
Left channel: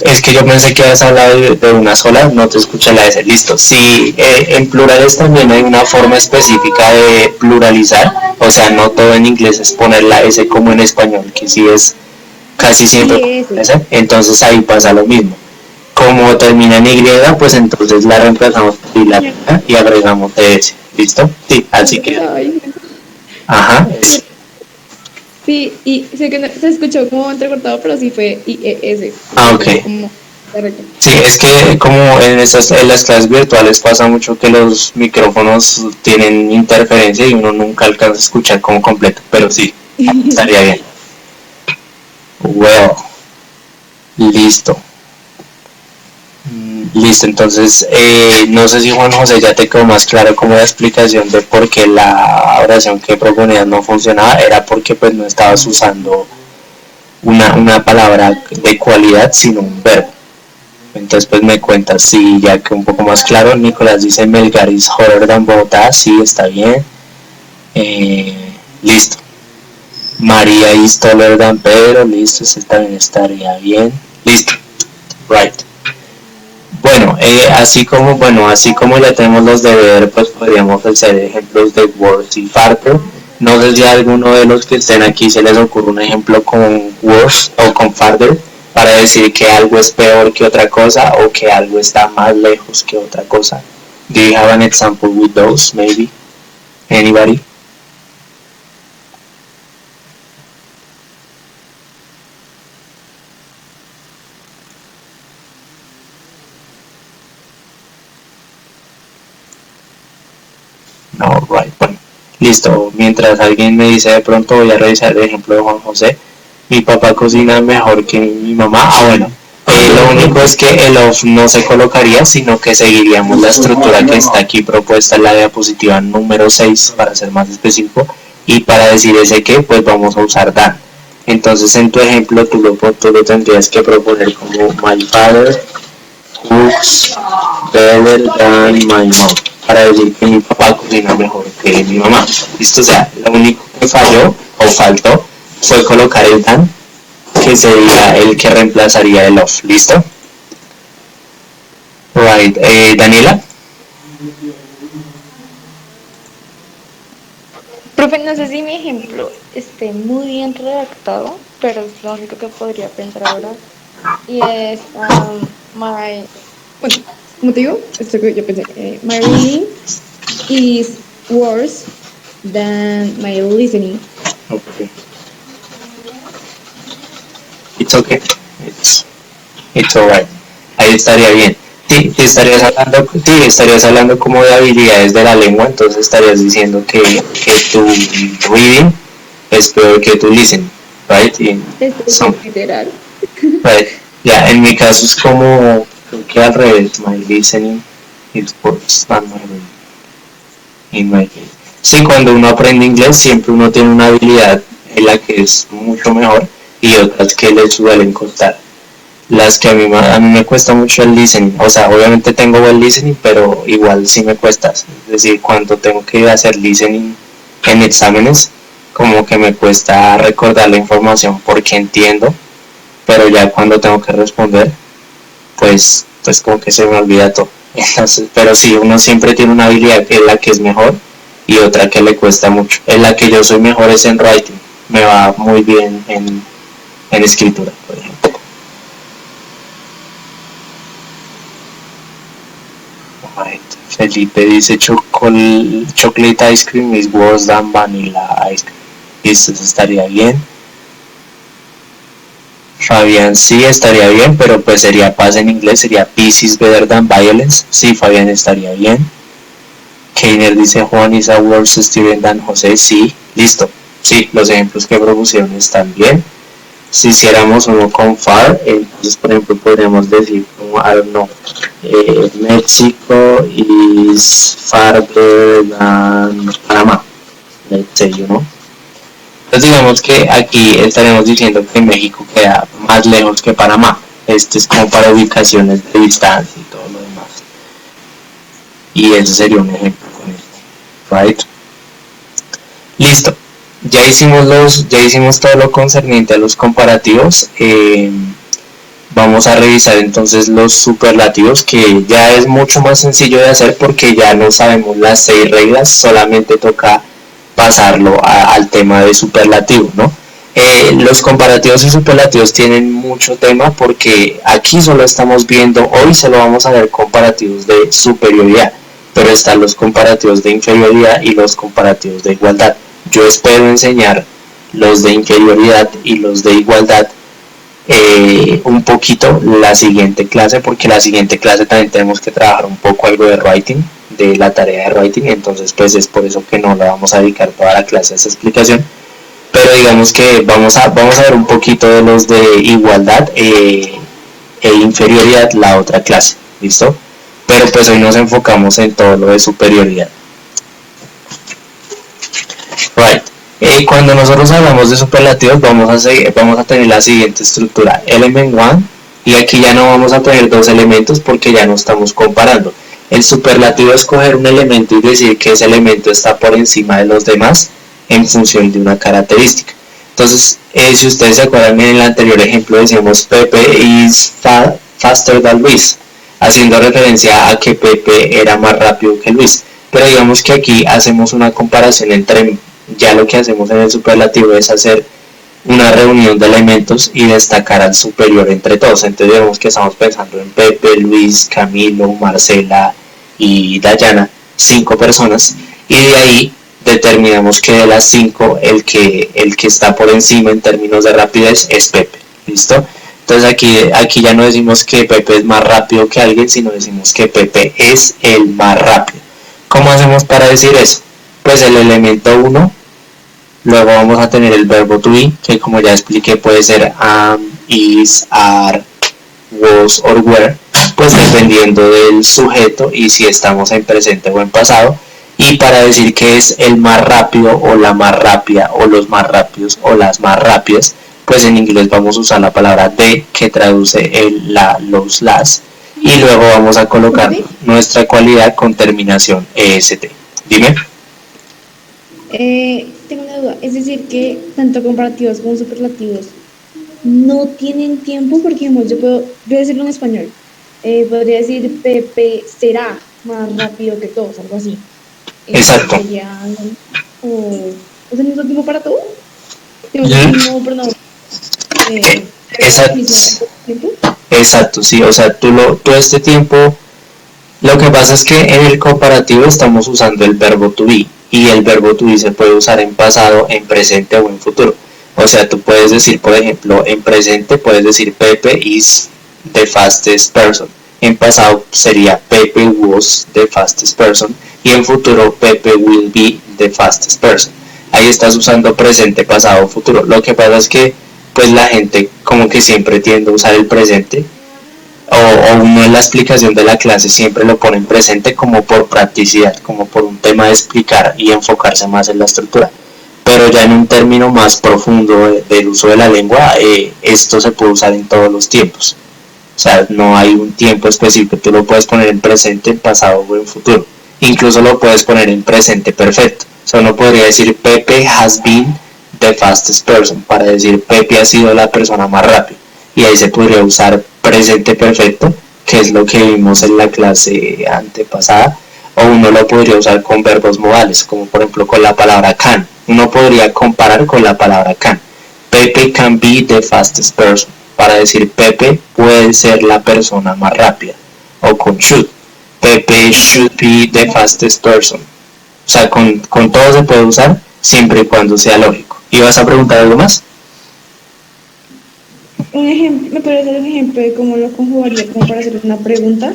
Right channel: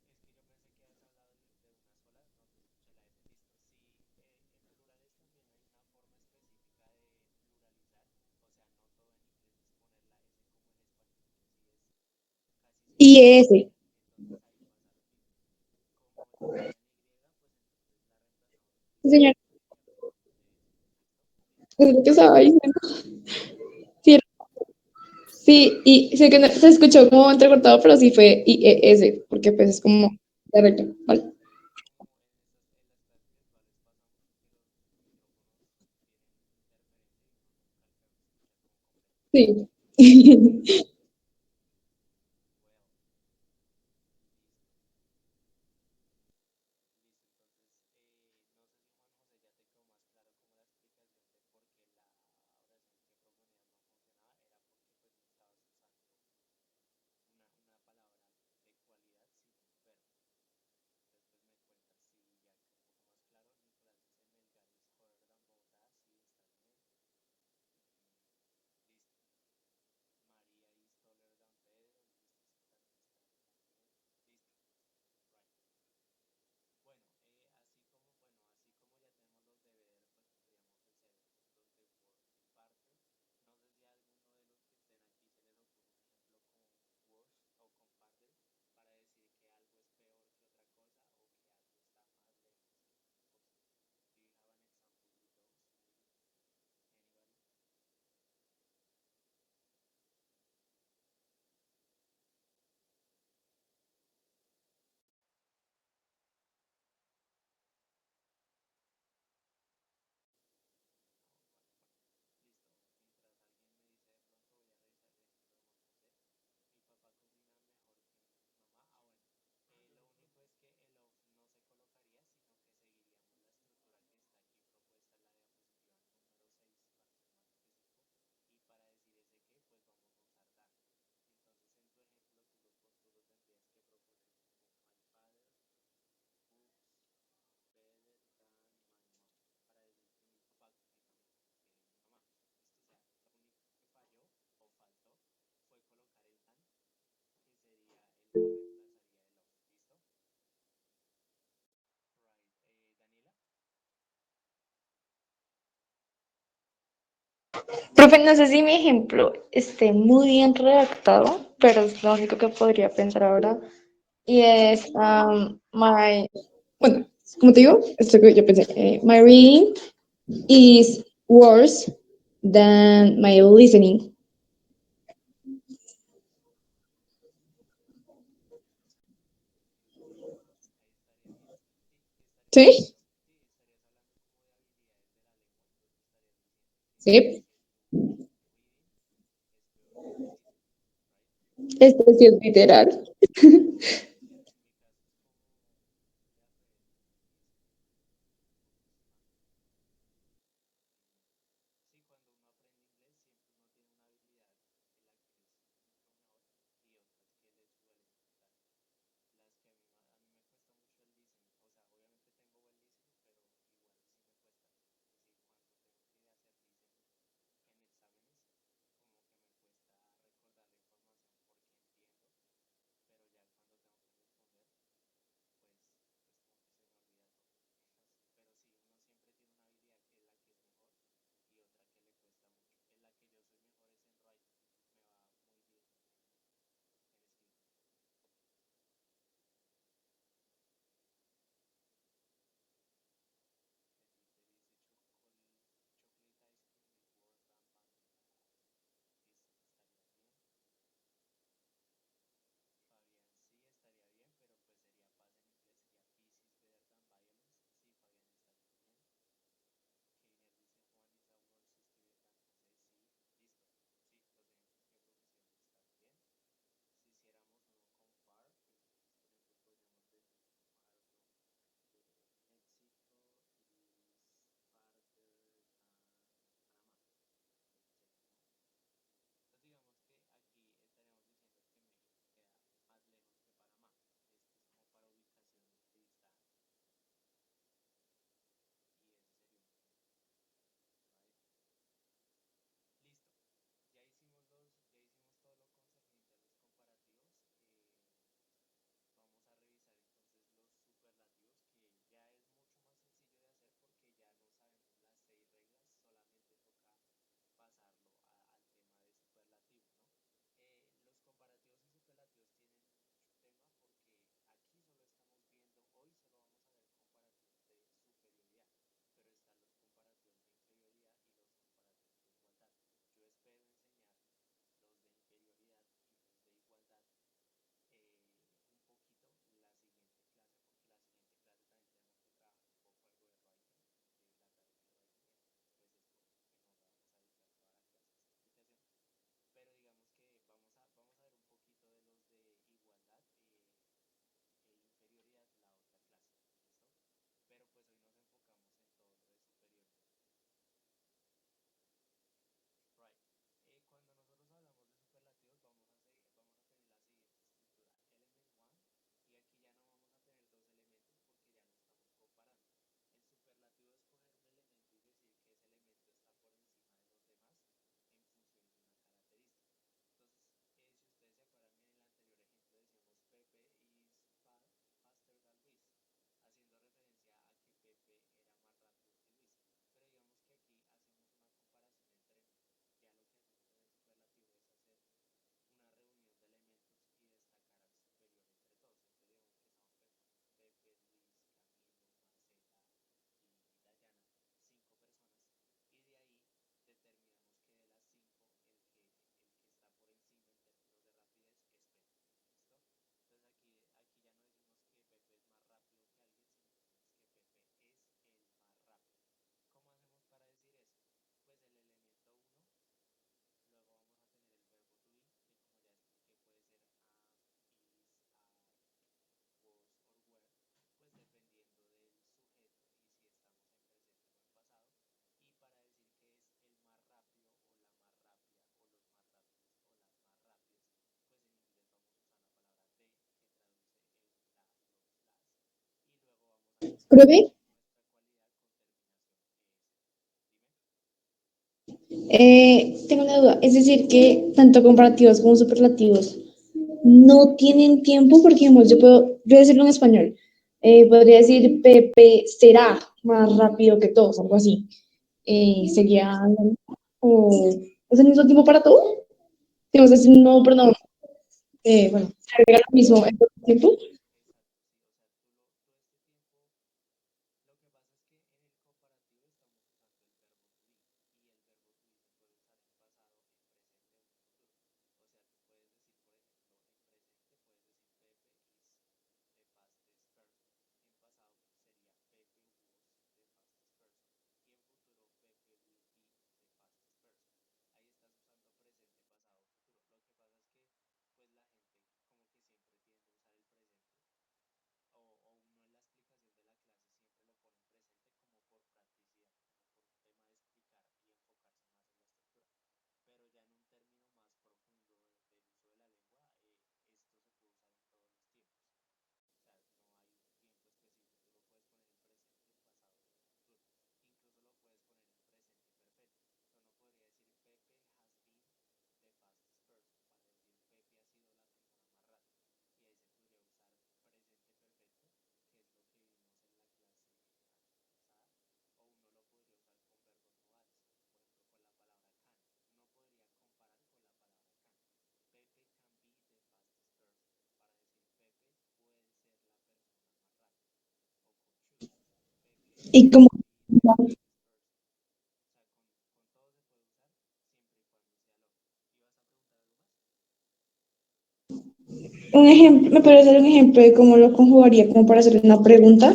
Es que yo pensé que habías hablado de una sola, no te escuché la S. Listo. Sí, en plurales también hay una forma específica de pluralizar. O sea, no todo en inglés es poner la S como en español, que sí es casi siempre S. Entonces ahí pasa lo mismo. Como termina en Y, pues entonces la reemplazamos por la y agregamos S. ¿Listo? Sí, así que. Ajá. Sí, y sé que se escuchó como entrecortado, pero sí fue IES. Ok. Como sí, es que como en las clases virtuales pasa mucho que los micrófonos tienen interferencia y uno nunca alcanza a escuchar como completo, pero sí, estaría bien. Well, listo. Listo, entonces no sé si Juan José ya te quedó más claro como la explicación de por qué la oración que proponías no funcionaba, era porque pues no estabas usando una palabra de cualidad sino un verbo. Entonces pues me cuentas, sí, ya que un poco más claro. Nicolás dice Melgar is hotter than Bogotá, sí, está bien. Listo. María is taller than Pedro, listo, ese también estaría bien. Listo, right. Bueno, así como ya tenemos los de ver, pues podríamos hacer ejemplos de words y farther. No sé si a alguno de los que estén aquí se les ocurre un ejemplo con words o con farther para decir que algo es peor que otra cosa o que algo está más lejos que otra cosa. Do you have an example with those, maybe? Anybody? Right, bueno, listo. Mientras alguien me dice de pronto, voy a revisar el ejemplo de Juan José. Mi papá cocina mejor que mi mamá. Ah, bueno. Lo único es que el off no se colocaría, sino que seguiríamos la estructura que está aquí propuesta en la diapositiva número 6, para ser más específico. Y para decir ese que, pues vamos a usar than. Entonces, en tu ejemplo, tú lo tendrías que proponer como my father cooks better than my mom, para decir que mi papá cocina mejor que mi mamá. Listo, o sea, lo único que falló o faltó fue colocar el than, que sería el que reemplazaría el of. ¿Listo? Right. Daniela. Profe, no sé si mi ejemplo esté muy bien redactado, pero es lo único que podría pensar ahora. Y es, my, bueno, como te digo, esto que yo pensé, my reading is worse than my listening. Okay. It's okay. It's alright. Ahí estaría bien. Sí, estarías hablando como de habilidades de la lengua, entonces estarías diciendo que tu reading es peor que tu listening, right? Esto es literal. Right. Ya, en mi caso es como, creo que al revés, my listening is worse than my reading. In my case. Sí, cuando uno aprende inglés siempre uno tiene una habilidad en la que es mucho mejor y otras que le suelen costar. Las que a mí me cuesta mucho el listening, o sea, obviamente tengo buen listening, pero igual sí me cuesta. Es decir, cuando tengo que hacer listening en exámenes, como que me cuesta recordar la información porque entiendo, pero ya cuando tengo que responder, pues como que se me olvida todo. Entonces, pero sí, uno siempre tiene una habilidad en la que es mejor y otra que le cuesta mucho. En la que yo soy mejor es en writing, me va muy bien en escritura, por ejemplo. Right. Felipe dice chocolate ice cream is worse than vanilla ice cream. Listo, eso estaría bien. Fabián, sí, estaría bien, pero pues sería paz en inglés, sería peace is better than violence. Sí, Fabián, estaría bien. Keiner dice Juan is a worse student than José. Sí, listo. Sí, los ejemplos que propusieron están bien. Si hiciéramos uno con far, entonces por ejemplo podríamos decir como, I don't know, México is farther than Panamá, let's say, you know. Entonces digamos que aquí estaremos diciendo que México queda más lejos que Panamá. Esto es como para ubicaciones de distancia y todo lo demás. Y ese sería un ejemplo con esto, right? Listo. Ya hicimos todo lo concerniente a los comparativos. Vamos a revisar entonces los superlativos, que ya es mucho más sencillo de hacer porque ya no sabemos las 6 reglas, solamente toca pasarlo al tema de superlativo, ¿no? Los comparativos y superlativos tienen mucho tema porque aquí solo estamos viendo, hoy solo vamos a ver comparativos de superioridad, pero están los comparativos de inferioridad y los comparativos de igualdad. Yo espero enseñar los de inferioridad y los de igualdad un poquito la siguiente clase, porque la siguiente clase también tenemos que trabajar un poco algo de writing, de la tarea de writing, entonces pues es por eso que no le vamos a dedicar toda la clase a esa explicación, pero digamos que vamos a ver un poquito de los de igualdad e inferioridad la otra clase, ¿listo? Pero pues hoy nos enfocamos en todo lo de superioridad. Right. Cuando nosotros hablamos de superlativos vamos a tener la siguiente estructura, element 1, y aquí ya no vamos a tener dos elementos porque ya no estamos comparando. El superlativo es coger un elemento y decir que ese elemento está por encima de los demás en función de una característica. Entonces, si ustedes se acuerdan, en el anterior ejemplo decíamos Pepe is faster than Luis, haciendo referencia a que Pepe era más rápido que Luis. Pero digamos que aquí hacemos una comparación entre, ya lo que hacemos en el superlativo es hacer una reunión de elementos y destacar al superior entre todos. Entonces digamos que estamos pensando en Pepe, Luis, Camilo, Marcela y Dayana, 5 personas, y de ahí determinamos que de las 5 el que está por encima en términos de rapidez es Pepe. ¿Listo? Entonces aquí ya no decimos que Pepe es más rápido que alguien, sino decimos que Pepe es el más rápido. ¿Cómo hacemos para decir eso? pues el elemento 1, luego vamos a tener el verbo to be, que como ya expliqué puede ser am, is, are, was or were, pues dependiendo del sujeto y si estamos en presente o en pasado. Y para decir que es el más rápido o la más rápida o los más rápidos o las más rápidas, pues en inglés vamos a usar la palabra the, que traduce el la, los, las, y luego vamos a colocar nuestra cualidad con terminación est. Dime. Tengo una duda, es decir que tanto comparativos como superlativos no tienen tiempo, porque digamos, yo voy a decirlo en español, podría decir Pepe será más rápido que todos, algo así. Exacto. Sería, o es el mismo tiempo para todo, digamos, el mismo pronombre. Exacto. ¿El mismo tiempo? Exacto, sí, o sea, tú este tiempo, lo que pasa es que en el comparativo estamos usando el verbo to be, y el verbo to be se puede usar en pasado, en presente o en futuro. O sea, tú puedes decir, por ejemplo, en presente puedes decir Pepe is the fastest person. En pasado sería Pepe was the fastest person. Y en futuro Pepe will be the fastest person. Ahí estás usando presente, pasado, futuro. Lo que pasa es que pues la gente como que siempre tiende a usar el presente, o uno en la explicación de la clase siempre lo pone en presente como por practicidad, como por un tema de explicar y enfocarse más en la estructura. Pero ya en un término más profundo del uso de la lengua, esto se puede usar en todos los tiempos. O sea, no hay un tiempo específico, tú lo puedes poner en presente, en pasado o en futuro. Incluso lo puedes poner en presente perfecto. O sea, uno podría decir Pepe has been the fastest person, para decir Pepe ha sido la persona más rápida. Y ahí se podría usar presente perfecto, que es lo que vimos en la clase antepasada, o uno lo podría usar con verbos modales, como por ejemplo con la palabra can. Uno podría comparar con la palabra can. Pepe can be the fastest person, para decir Pepe puede ser la persona más rápida. O con should. Pepe should be the fastest person. O sea, con todo se puede usar, siempre y cuando sea lógico. ¿Y vas a preguntar algo más? Un ejemplo, ¿me puedes hacer un ejemplo de cómo lo conjugaría como para hacer una pregunta?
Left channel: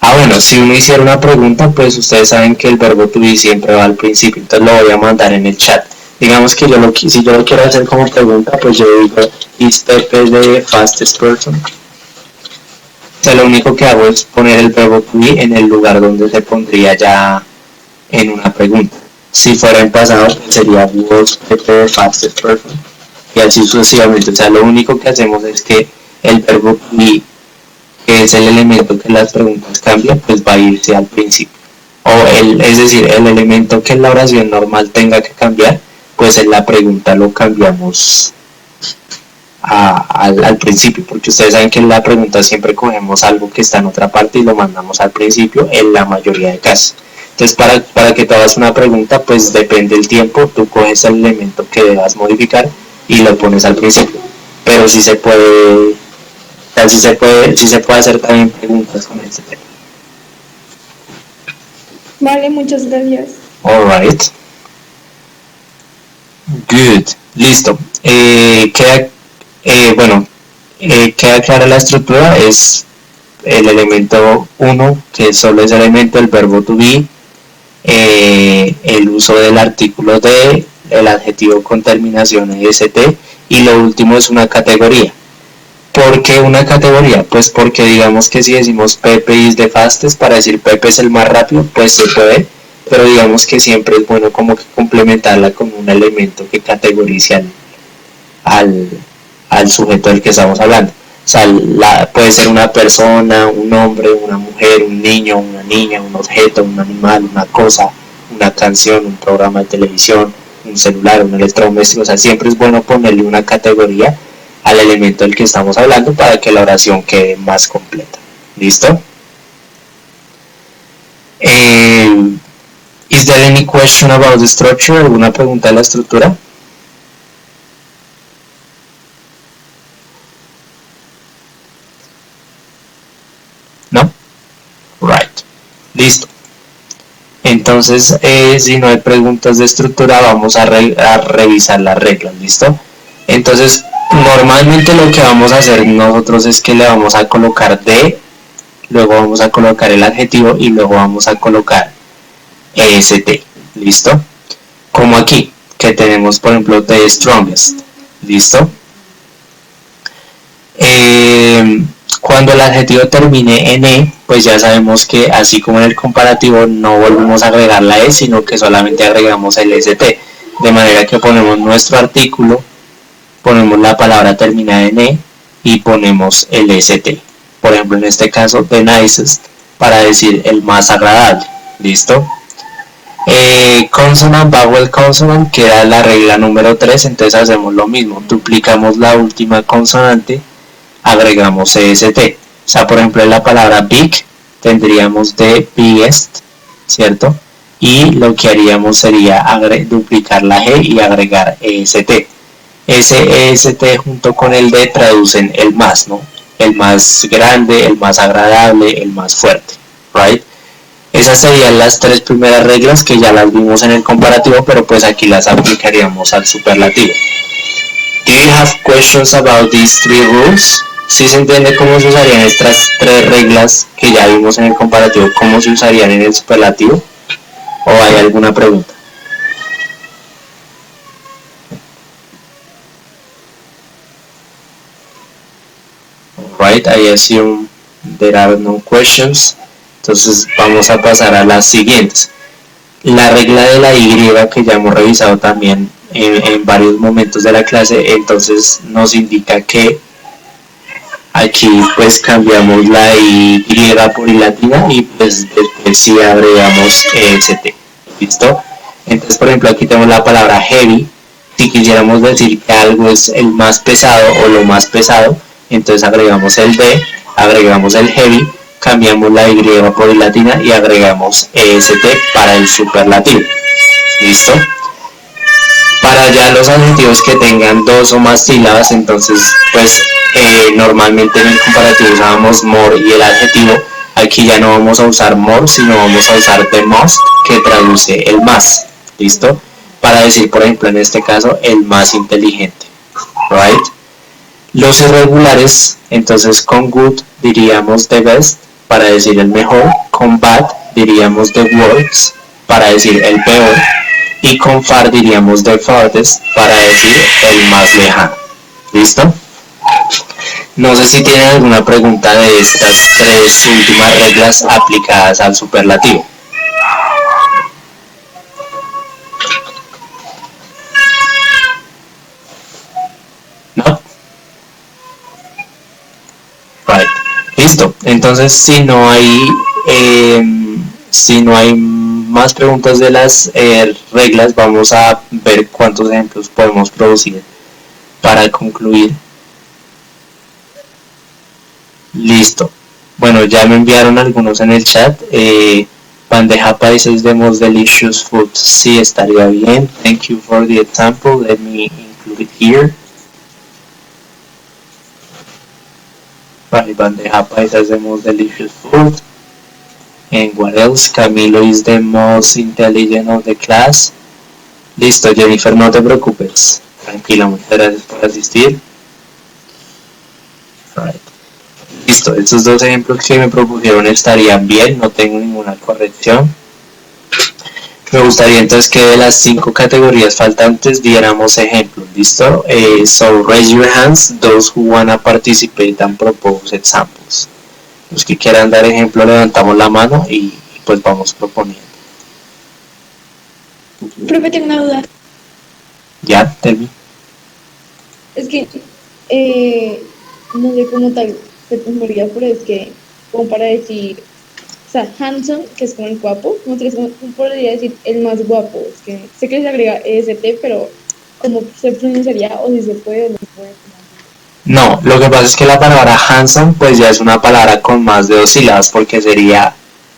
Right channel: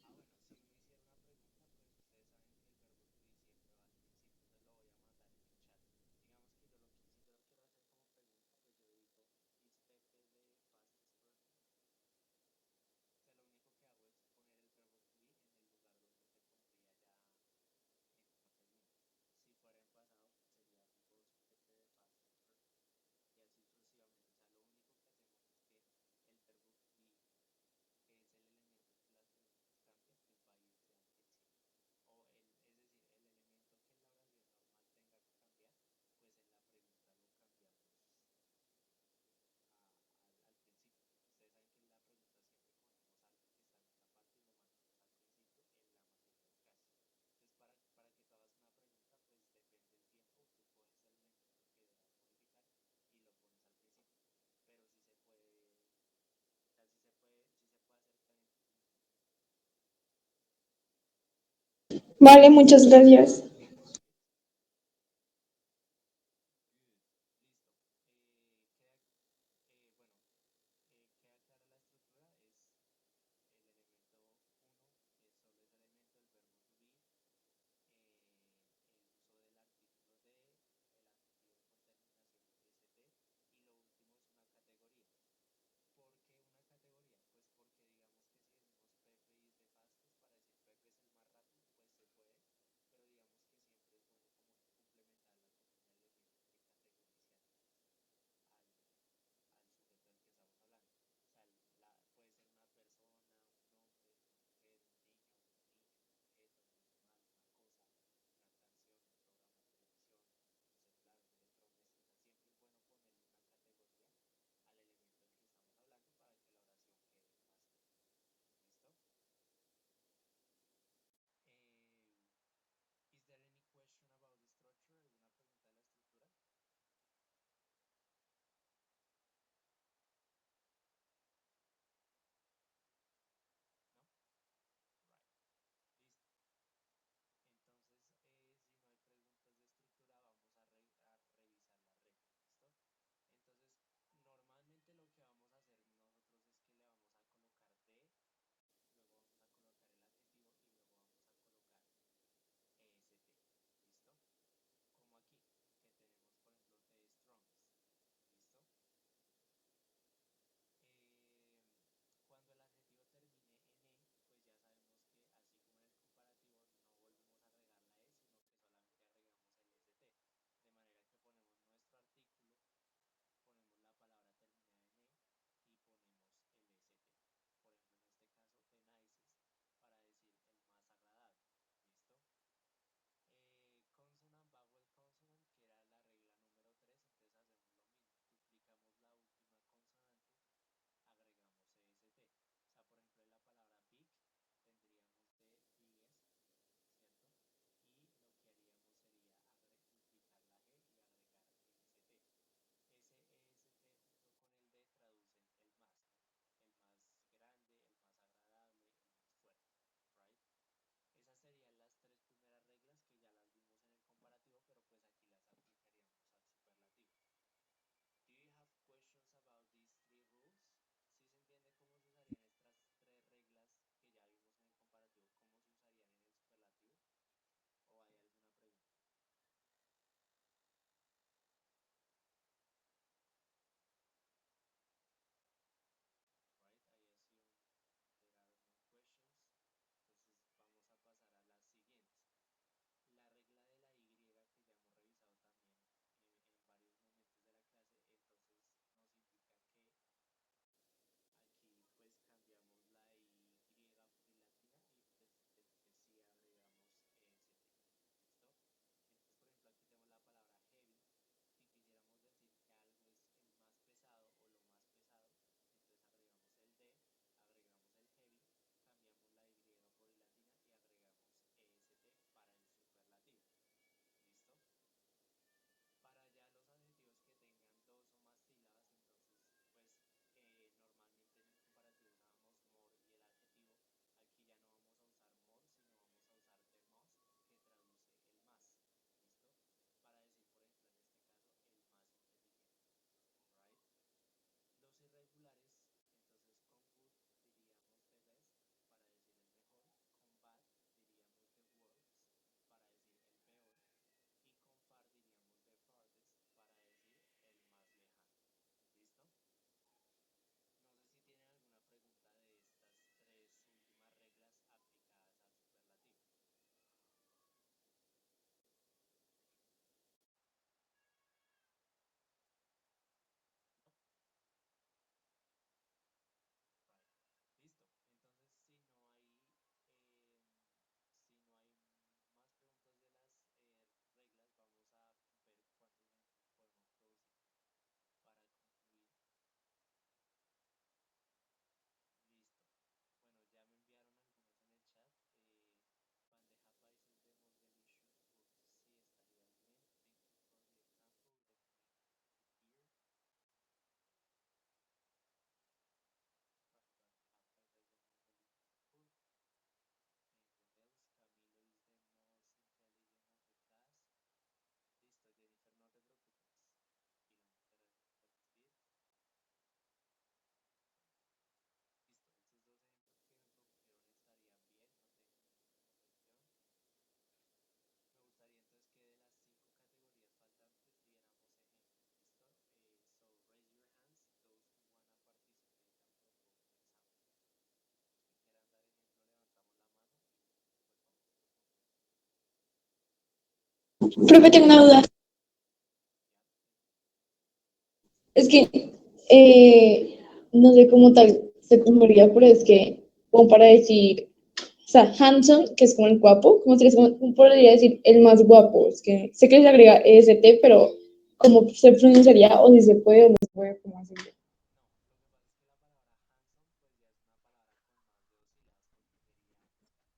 Ah, bueno, si uno hiciera una pregunta, pues ustedes saben que el verbo to be siempre va al principio, entonces lo voy a mandar en el chat. Digamos que si yo lo quiero hacer como pregunta, pues yo digo, ¿is Pepe the fastest person? O sea, lo único que hago es poner el verbo to be en el lugar donde se pondría ya en una pregunta. Si fuera en pasado, pues sería was Pepe the fastest person, y así sucesivamente. O sea, lo único que hacemos es que el verbo to be, que es el elemento que las preguntas cambian, pues va a irse al principio. Es decir, el elemento que en la oración normal tenga que cambiar, pues en la pregunta lo cambiamos al principio, porque ustedes saben que en la pregunta siempre cogemos algo que está en otra parte y lo mandamos al principio en la mayoría de casos. Entonces, para que te hagas una pregunta, pues depende del tiempo, tú coges el elemento que debas modificar y lo pones al principio. Pero sí se puede hacer también preguntas con este tema. Vale, muchas gracias. Alright. Good. Listo. Queda clara la estructura. Es el elemento 1, que solo es elemento, el verbo to be, el uso del artículo de, el adjetivo con terminación est, y lo último es una categoría. ¿Por qué una categoría? Pues porque digamos que si decimos Pepe is the fastest, para decir Pepe es el más rápido, pues se puede, pero digamos que siempre es bueno como que complementarla con un elemento que categorice al sujeto del que estamos hablando. O sea, puede ser una persona, un hombre, una mujer, un niño, una niña, un objeto, un animal, una cosa, una canción, un programa de televisión, un celular, un electrodoméstico. O sea, siempre es bueno ponerle una categoría al elemento del que estamos hablando para que la oración quede más completa. ¿Listo? Is there any question about the structure? ¿Alguna pregunta de la estructura? ¿No? Right. Listo. Entonces, si no hay preguntas de estructura, vamos a revisar las reglas. ¿Listo? Entonces, normalmente lo que vamos a hacer nosotros es que le vamos a colocar de, luego vamos a colocar el adjetivo y luego vamos a colocar est. ¿listo? Como aquí, que tenemos, por ejemplo, the strongest, ¿listo? Cuando el adjetivo termine en E, pues ya sabemos que así como en el comparativo no volvemos a agregar la E, sino que solamente agregamos el ST, de manera que ponemos nuestro artículo, ponemos la palabra terminada en E y ponemos el ST. Por ejemplo, en este caso, the nicest, para decir el más agradable, ¿listo? Consonant, vowel consonant, que era la regla número 3, entonces hacemos lo mismo, duplicamos la última consonante, agregamos EST. O sea, por ejemplo, en la palabra big tendríamos the biggest, ¿cierto? Y lo que haríamos sería duplicar la G y agregar EST. Ese EST junto con el D traducen el más, ¿no? El más grande, el más agradable, el más fuerte, ¿right? Esas serían las 3 primeras reglas que ya las vimos en el comparativo, pero pues aquí las aplicaríamos al superlativo. Do you have questions about these 3 rules? ¿Sí se entiende cómo se usarían estas 3 reglas que ya vimos en el comparativo, cómo se usarían en el superlativo? ¿O hay alguna pregunta? Right, I assume there are no questions. Entonces vamos a pasar a las siguientes. La regla de la Y, que ya hemos revisado también en varios momentos de la clase, entonces nos indica que aquí pues cambiamos la Y por I latina y pues después sí agregamos EST. ¿Listo? Entonces, por ejemplo, aquí tenemos la palabra heavy. Si quisiéramos decir que algo es el más pesado o lo más pesado, entonces agregamos el D, agregamos el heavy, cambiamos la Y por I latina y agregamos EST para el superlativo. ¿Listo? Para ya los adjetivos que tengan 2 o más sílabas, entonces pues normalmente en el comparativo usábamos more y el adjetivo. Aquí ya no vamos a usar more, sino vamos a usar the most, que traduce el más. ¿Listo? Para decir, por ejemplo, en este caso, el más inteligente. Right? Los irregulares, entonces con good diríamos the best, para decir el mejor. Con bad diríamos the worst, para decir el peor. Y con far diríamos the farthest, para decir el más lejano. ¿Listo? No sé si tienen alguna pregunta de estas 3 últimas reglas aplicadas al superlativo. ¿No? Right. Listo. Entonces, si no hay más preguntas de las reglas, vamos a ver cuántos ejemplos podemos producir para concluir. Listo. Bueno, ya me enviaron algunos en el chat. Bandeja paisa is the most delicious food. Sí, estaría bien. Thank you for the example. Let me include it here. Vale, bandeja paisa is the most delicious food. And what else? Camilo is the most intelligent of the class. Listo, Jennifer, no te preocupes. Tranquila, muchas gracias por asistir. Right. Listo, estos 2 ejemplos que me propusieron estarían bien, no tengo ninguna corrección. Me gustaría entonces que de las 5 categorías faltantes diéramos ejemplos, ¿listo? So raise your hands, those who wanna participate and propose examples. Los que quieran dar ejemplo, levantamos la mano y pues vamos proponiendo. Profe, tengo una duda. Ya, termino. Es que no sé cómo tal se memoria, pero es que como para decir, o sea, handsome, que es como el guapo, ¿cómo podría decir el más guapo? Es que sé que se agrega EST, pero ¿cómo se pronunciaría? O si se puede o no se puede. No, lo que pasa es que la palabra handsome pues ya es una palabra con más de 2 sílabas, porque sería,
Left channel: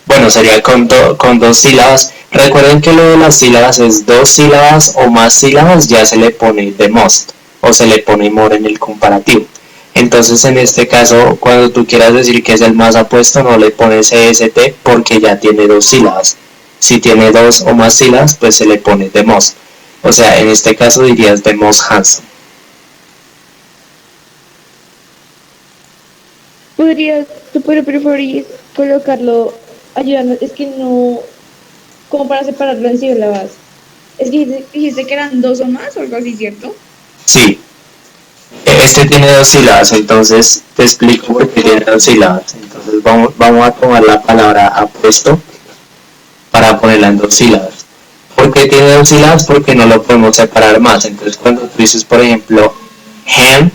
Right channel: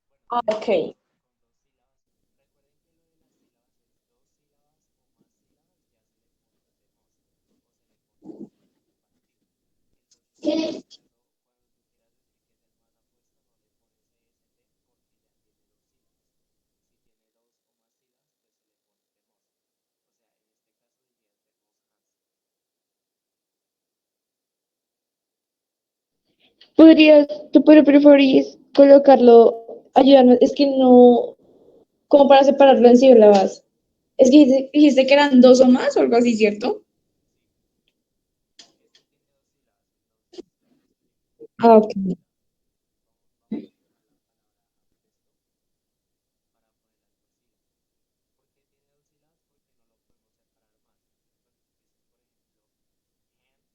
bueno, sería con 2 sílabas. Recuerden que lo de las sílabas es 2 sílabas o más sílabas, ya se le pone the most o se le pone more en el comparativo. Entonces en este caso, cuando tú quieras decir que es el más apuesto, no le pones EST porque ya tiene 2 sílabas. Si tiene 2 o más sílabas, pues se le pone the most. O sea, en este caso dirías the most handsome. ¿Tú podrías preferir colocarlo, ayudarnos? Es que no, como para separarlo en sílabas. Es que dijiste que eran 2 o más o algo así, ¿cierto? Sí, este tiene 2 sílabas, entonces te explico por qué tiene 2 sílabas. Entonces vamos a tomar la palabra apuesto para ponerla en 2 sílabas. ¿Por qué tiene 2 sílabas? Porque no lo podemos separar más. Entonces cuando tú dices, por ejemplo, hand,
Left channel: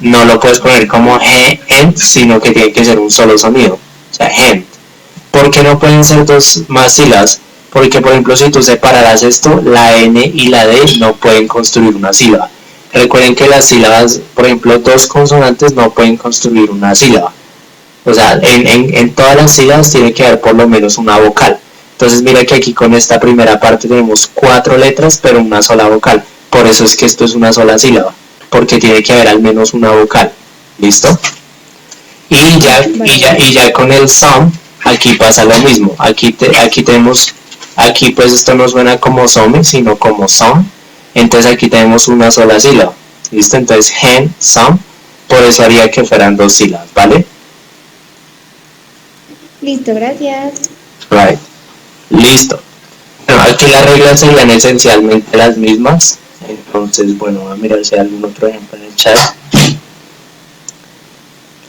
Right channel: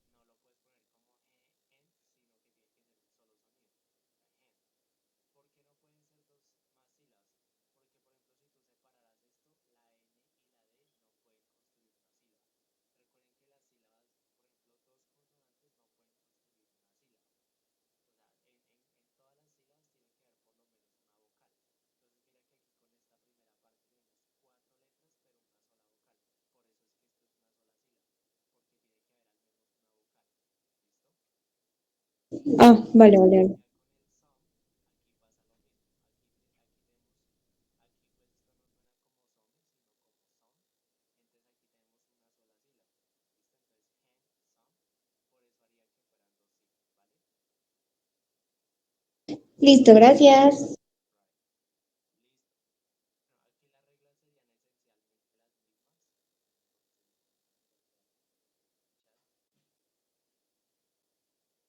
no lo puedes poner como hand, sino que tiene que ser un solo sonido. O sea, hand. ¿Por qué no pueden ser 2 más sílabas? Porque, por ejemplo, si tú separaras esto, la N y la D no pueden construir una sílaba. Recuerden que las sílabas, por ejemplo, 2 consonantes no pueden construir una sílaba. O sea, en todas las sílabas tiene que haber por lo menos una vocal. Entonces mira que aquí con esta primera parte tenemos 4 letras, pero una sola vocal. Por eso es que esto es una sola sílaba, porque tiene que haber al menos una vocal. ¿Listo? Y ya con el some, aquí pasa lo mismo. Aquí tenemos, aquí pues esto no suena como some, sino como some. Entonces aquí tenemos una sola sílaba. ¿Listo? Entonces hand, some, por eso haría que fueran 2 sílabas, ¿vale? Listo, gracias. Right. Listo. Bueno, aquí las reglas serían esencialmente las mismas. Entonces, bueno, voy a mirar si hay algún otro ejemplo en el chat.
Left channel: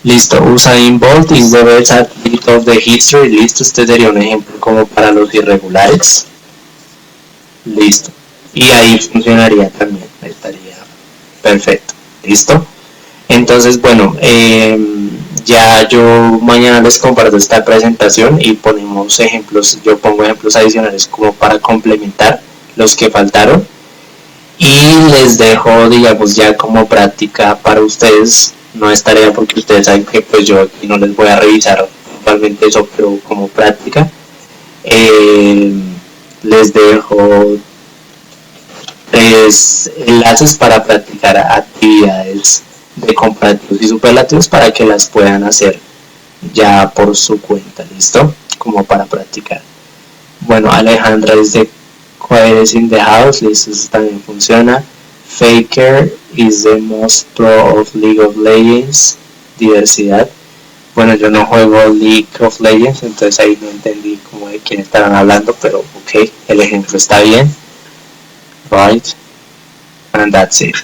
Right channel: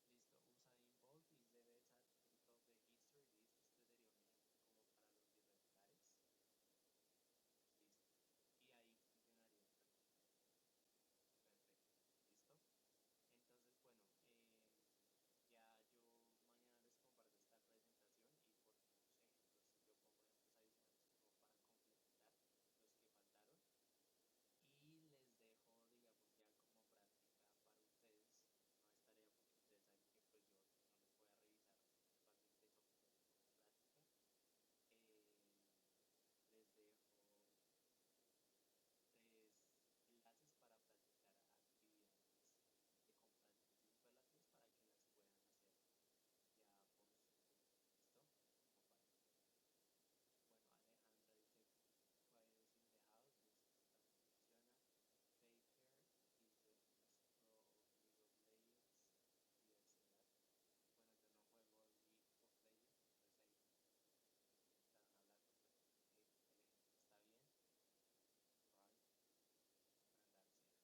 Listo. Usain Bolt is the best athlete of the history. Listo. Este sería un ejemplo como para los irregulares. Listo. Y ahí funcionaría también. Estaría perfecto. Listo. Entonces, bueno, ya yo mañana les comparto esta presentación y ponemos ejemplos, yo pongo ejemplos adicionales como para complementar los que faltaron y les dejo, digamos, ya como práctica para ustedes. No es tarea porque ustedes saben que pues yo aquí no les voy a revisar totalmente eso, pero como práctica les dejo 3 enlaces para practicar actividades de comparativos y superlativos para que las puedan hacer ya por su cuenta, ¿listo? Como para practicar. Bueno, Alejandra dice Quiet in the house, listo, eso también funciona. Faker is the most pro of League of Legends, diversidad. Bueno, yo no juego League of Legends, entonces ahí no entendí como de quién estaban hablando, pero ok, el ejemplo está bien. Right, and that's it.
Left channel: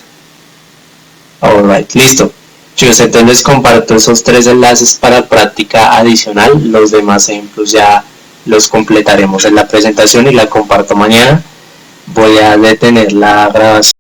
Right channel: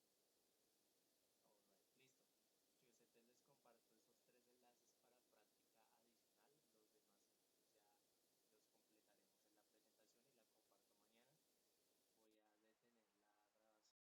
Alright, listo. Chicos, entonces les comparto esos 3 enlaces para práctica adicional. Los demás ejemplos ya los completaremos en la presentación y la comparto mañana. Voy a detener la grabación.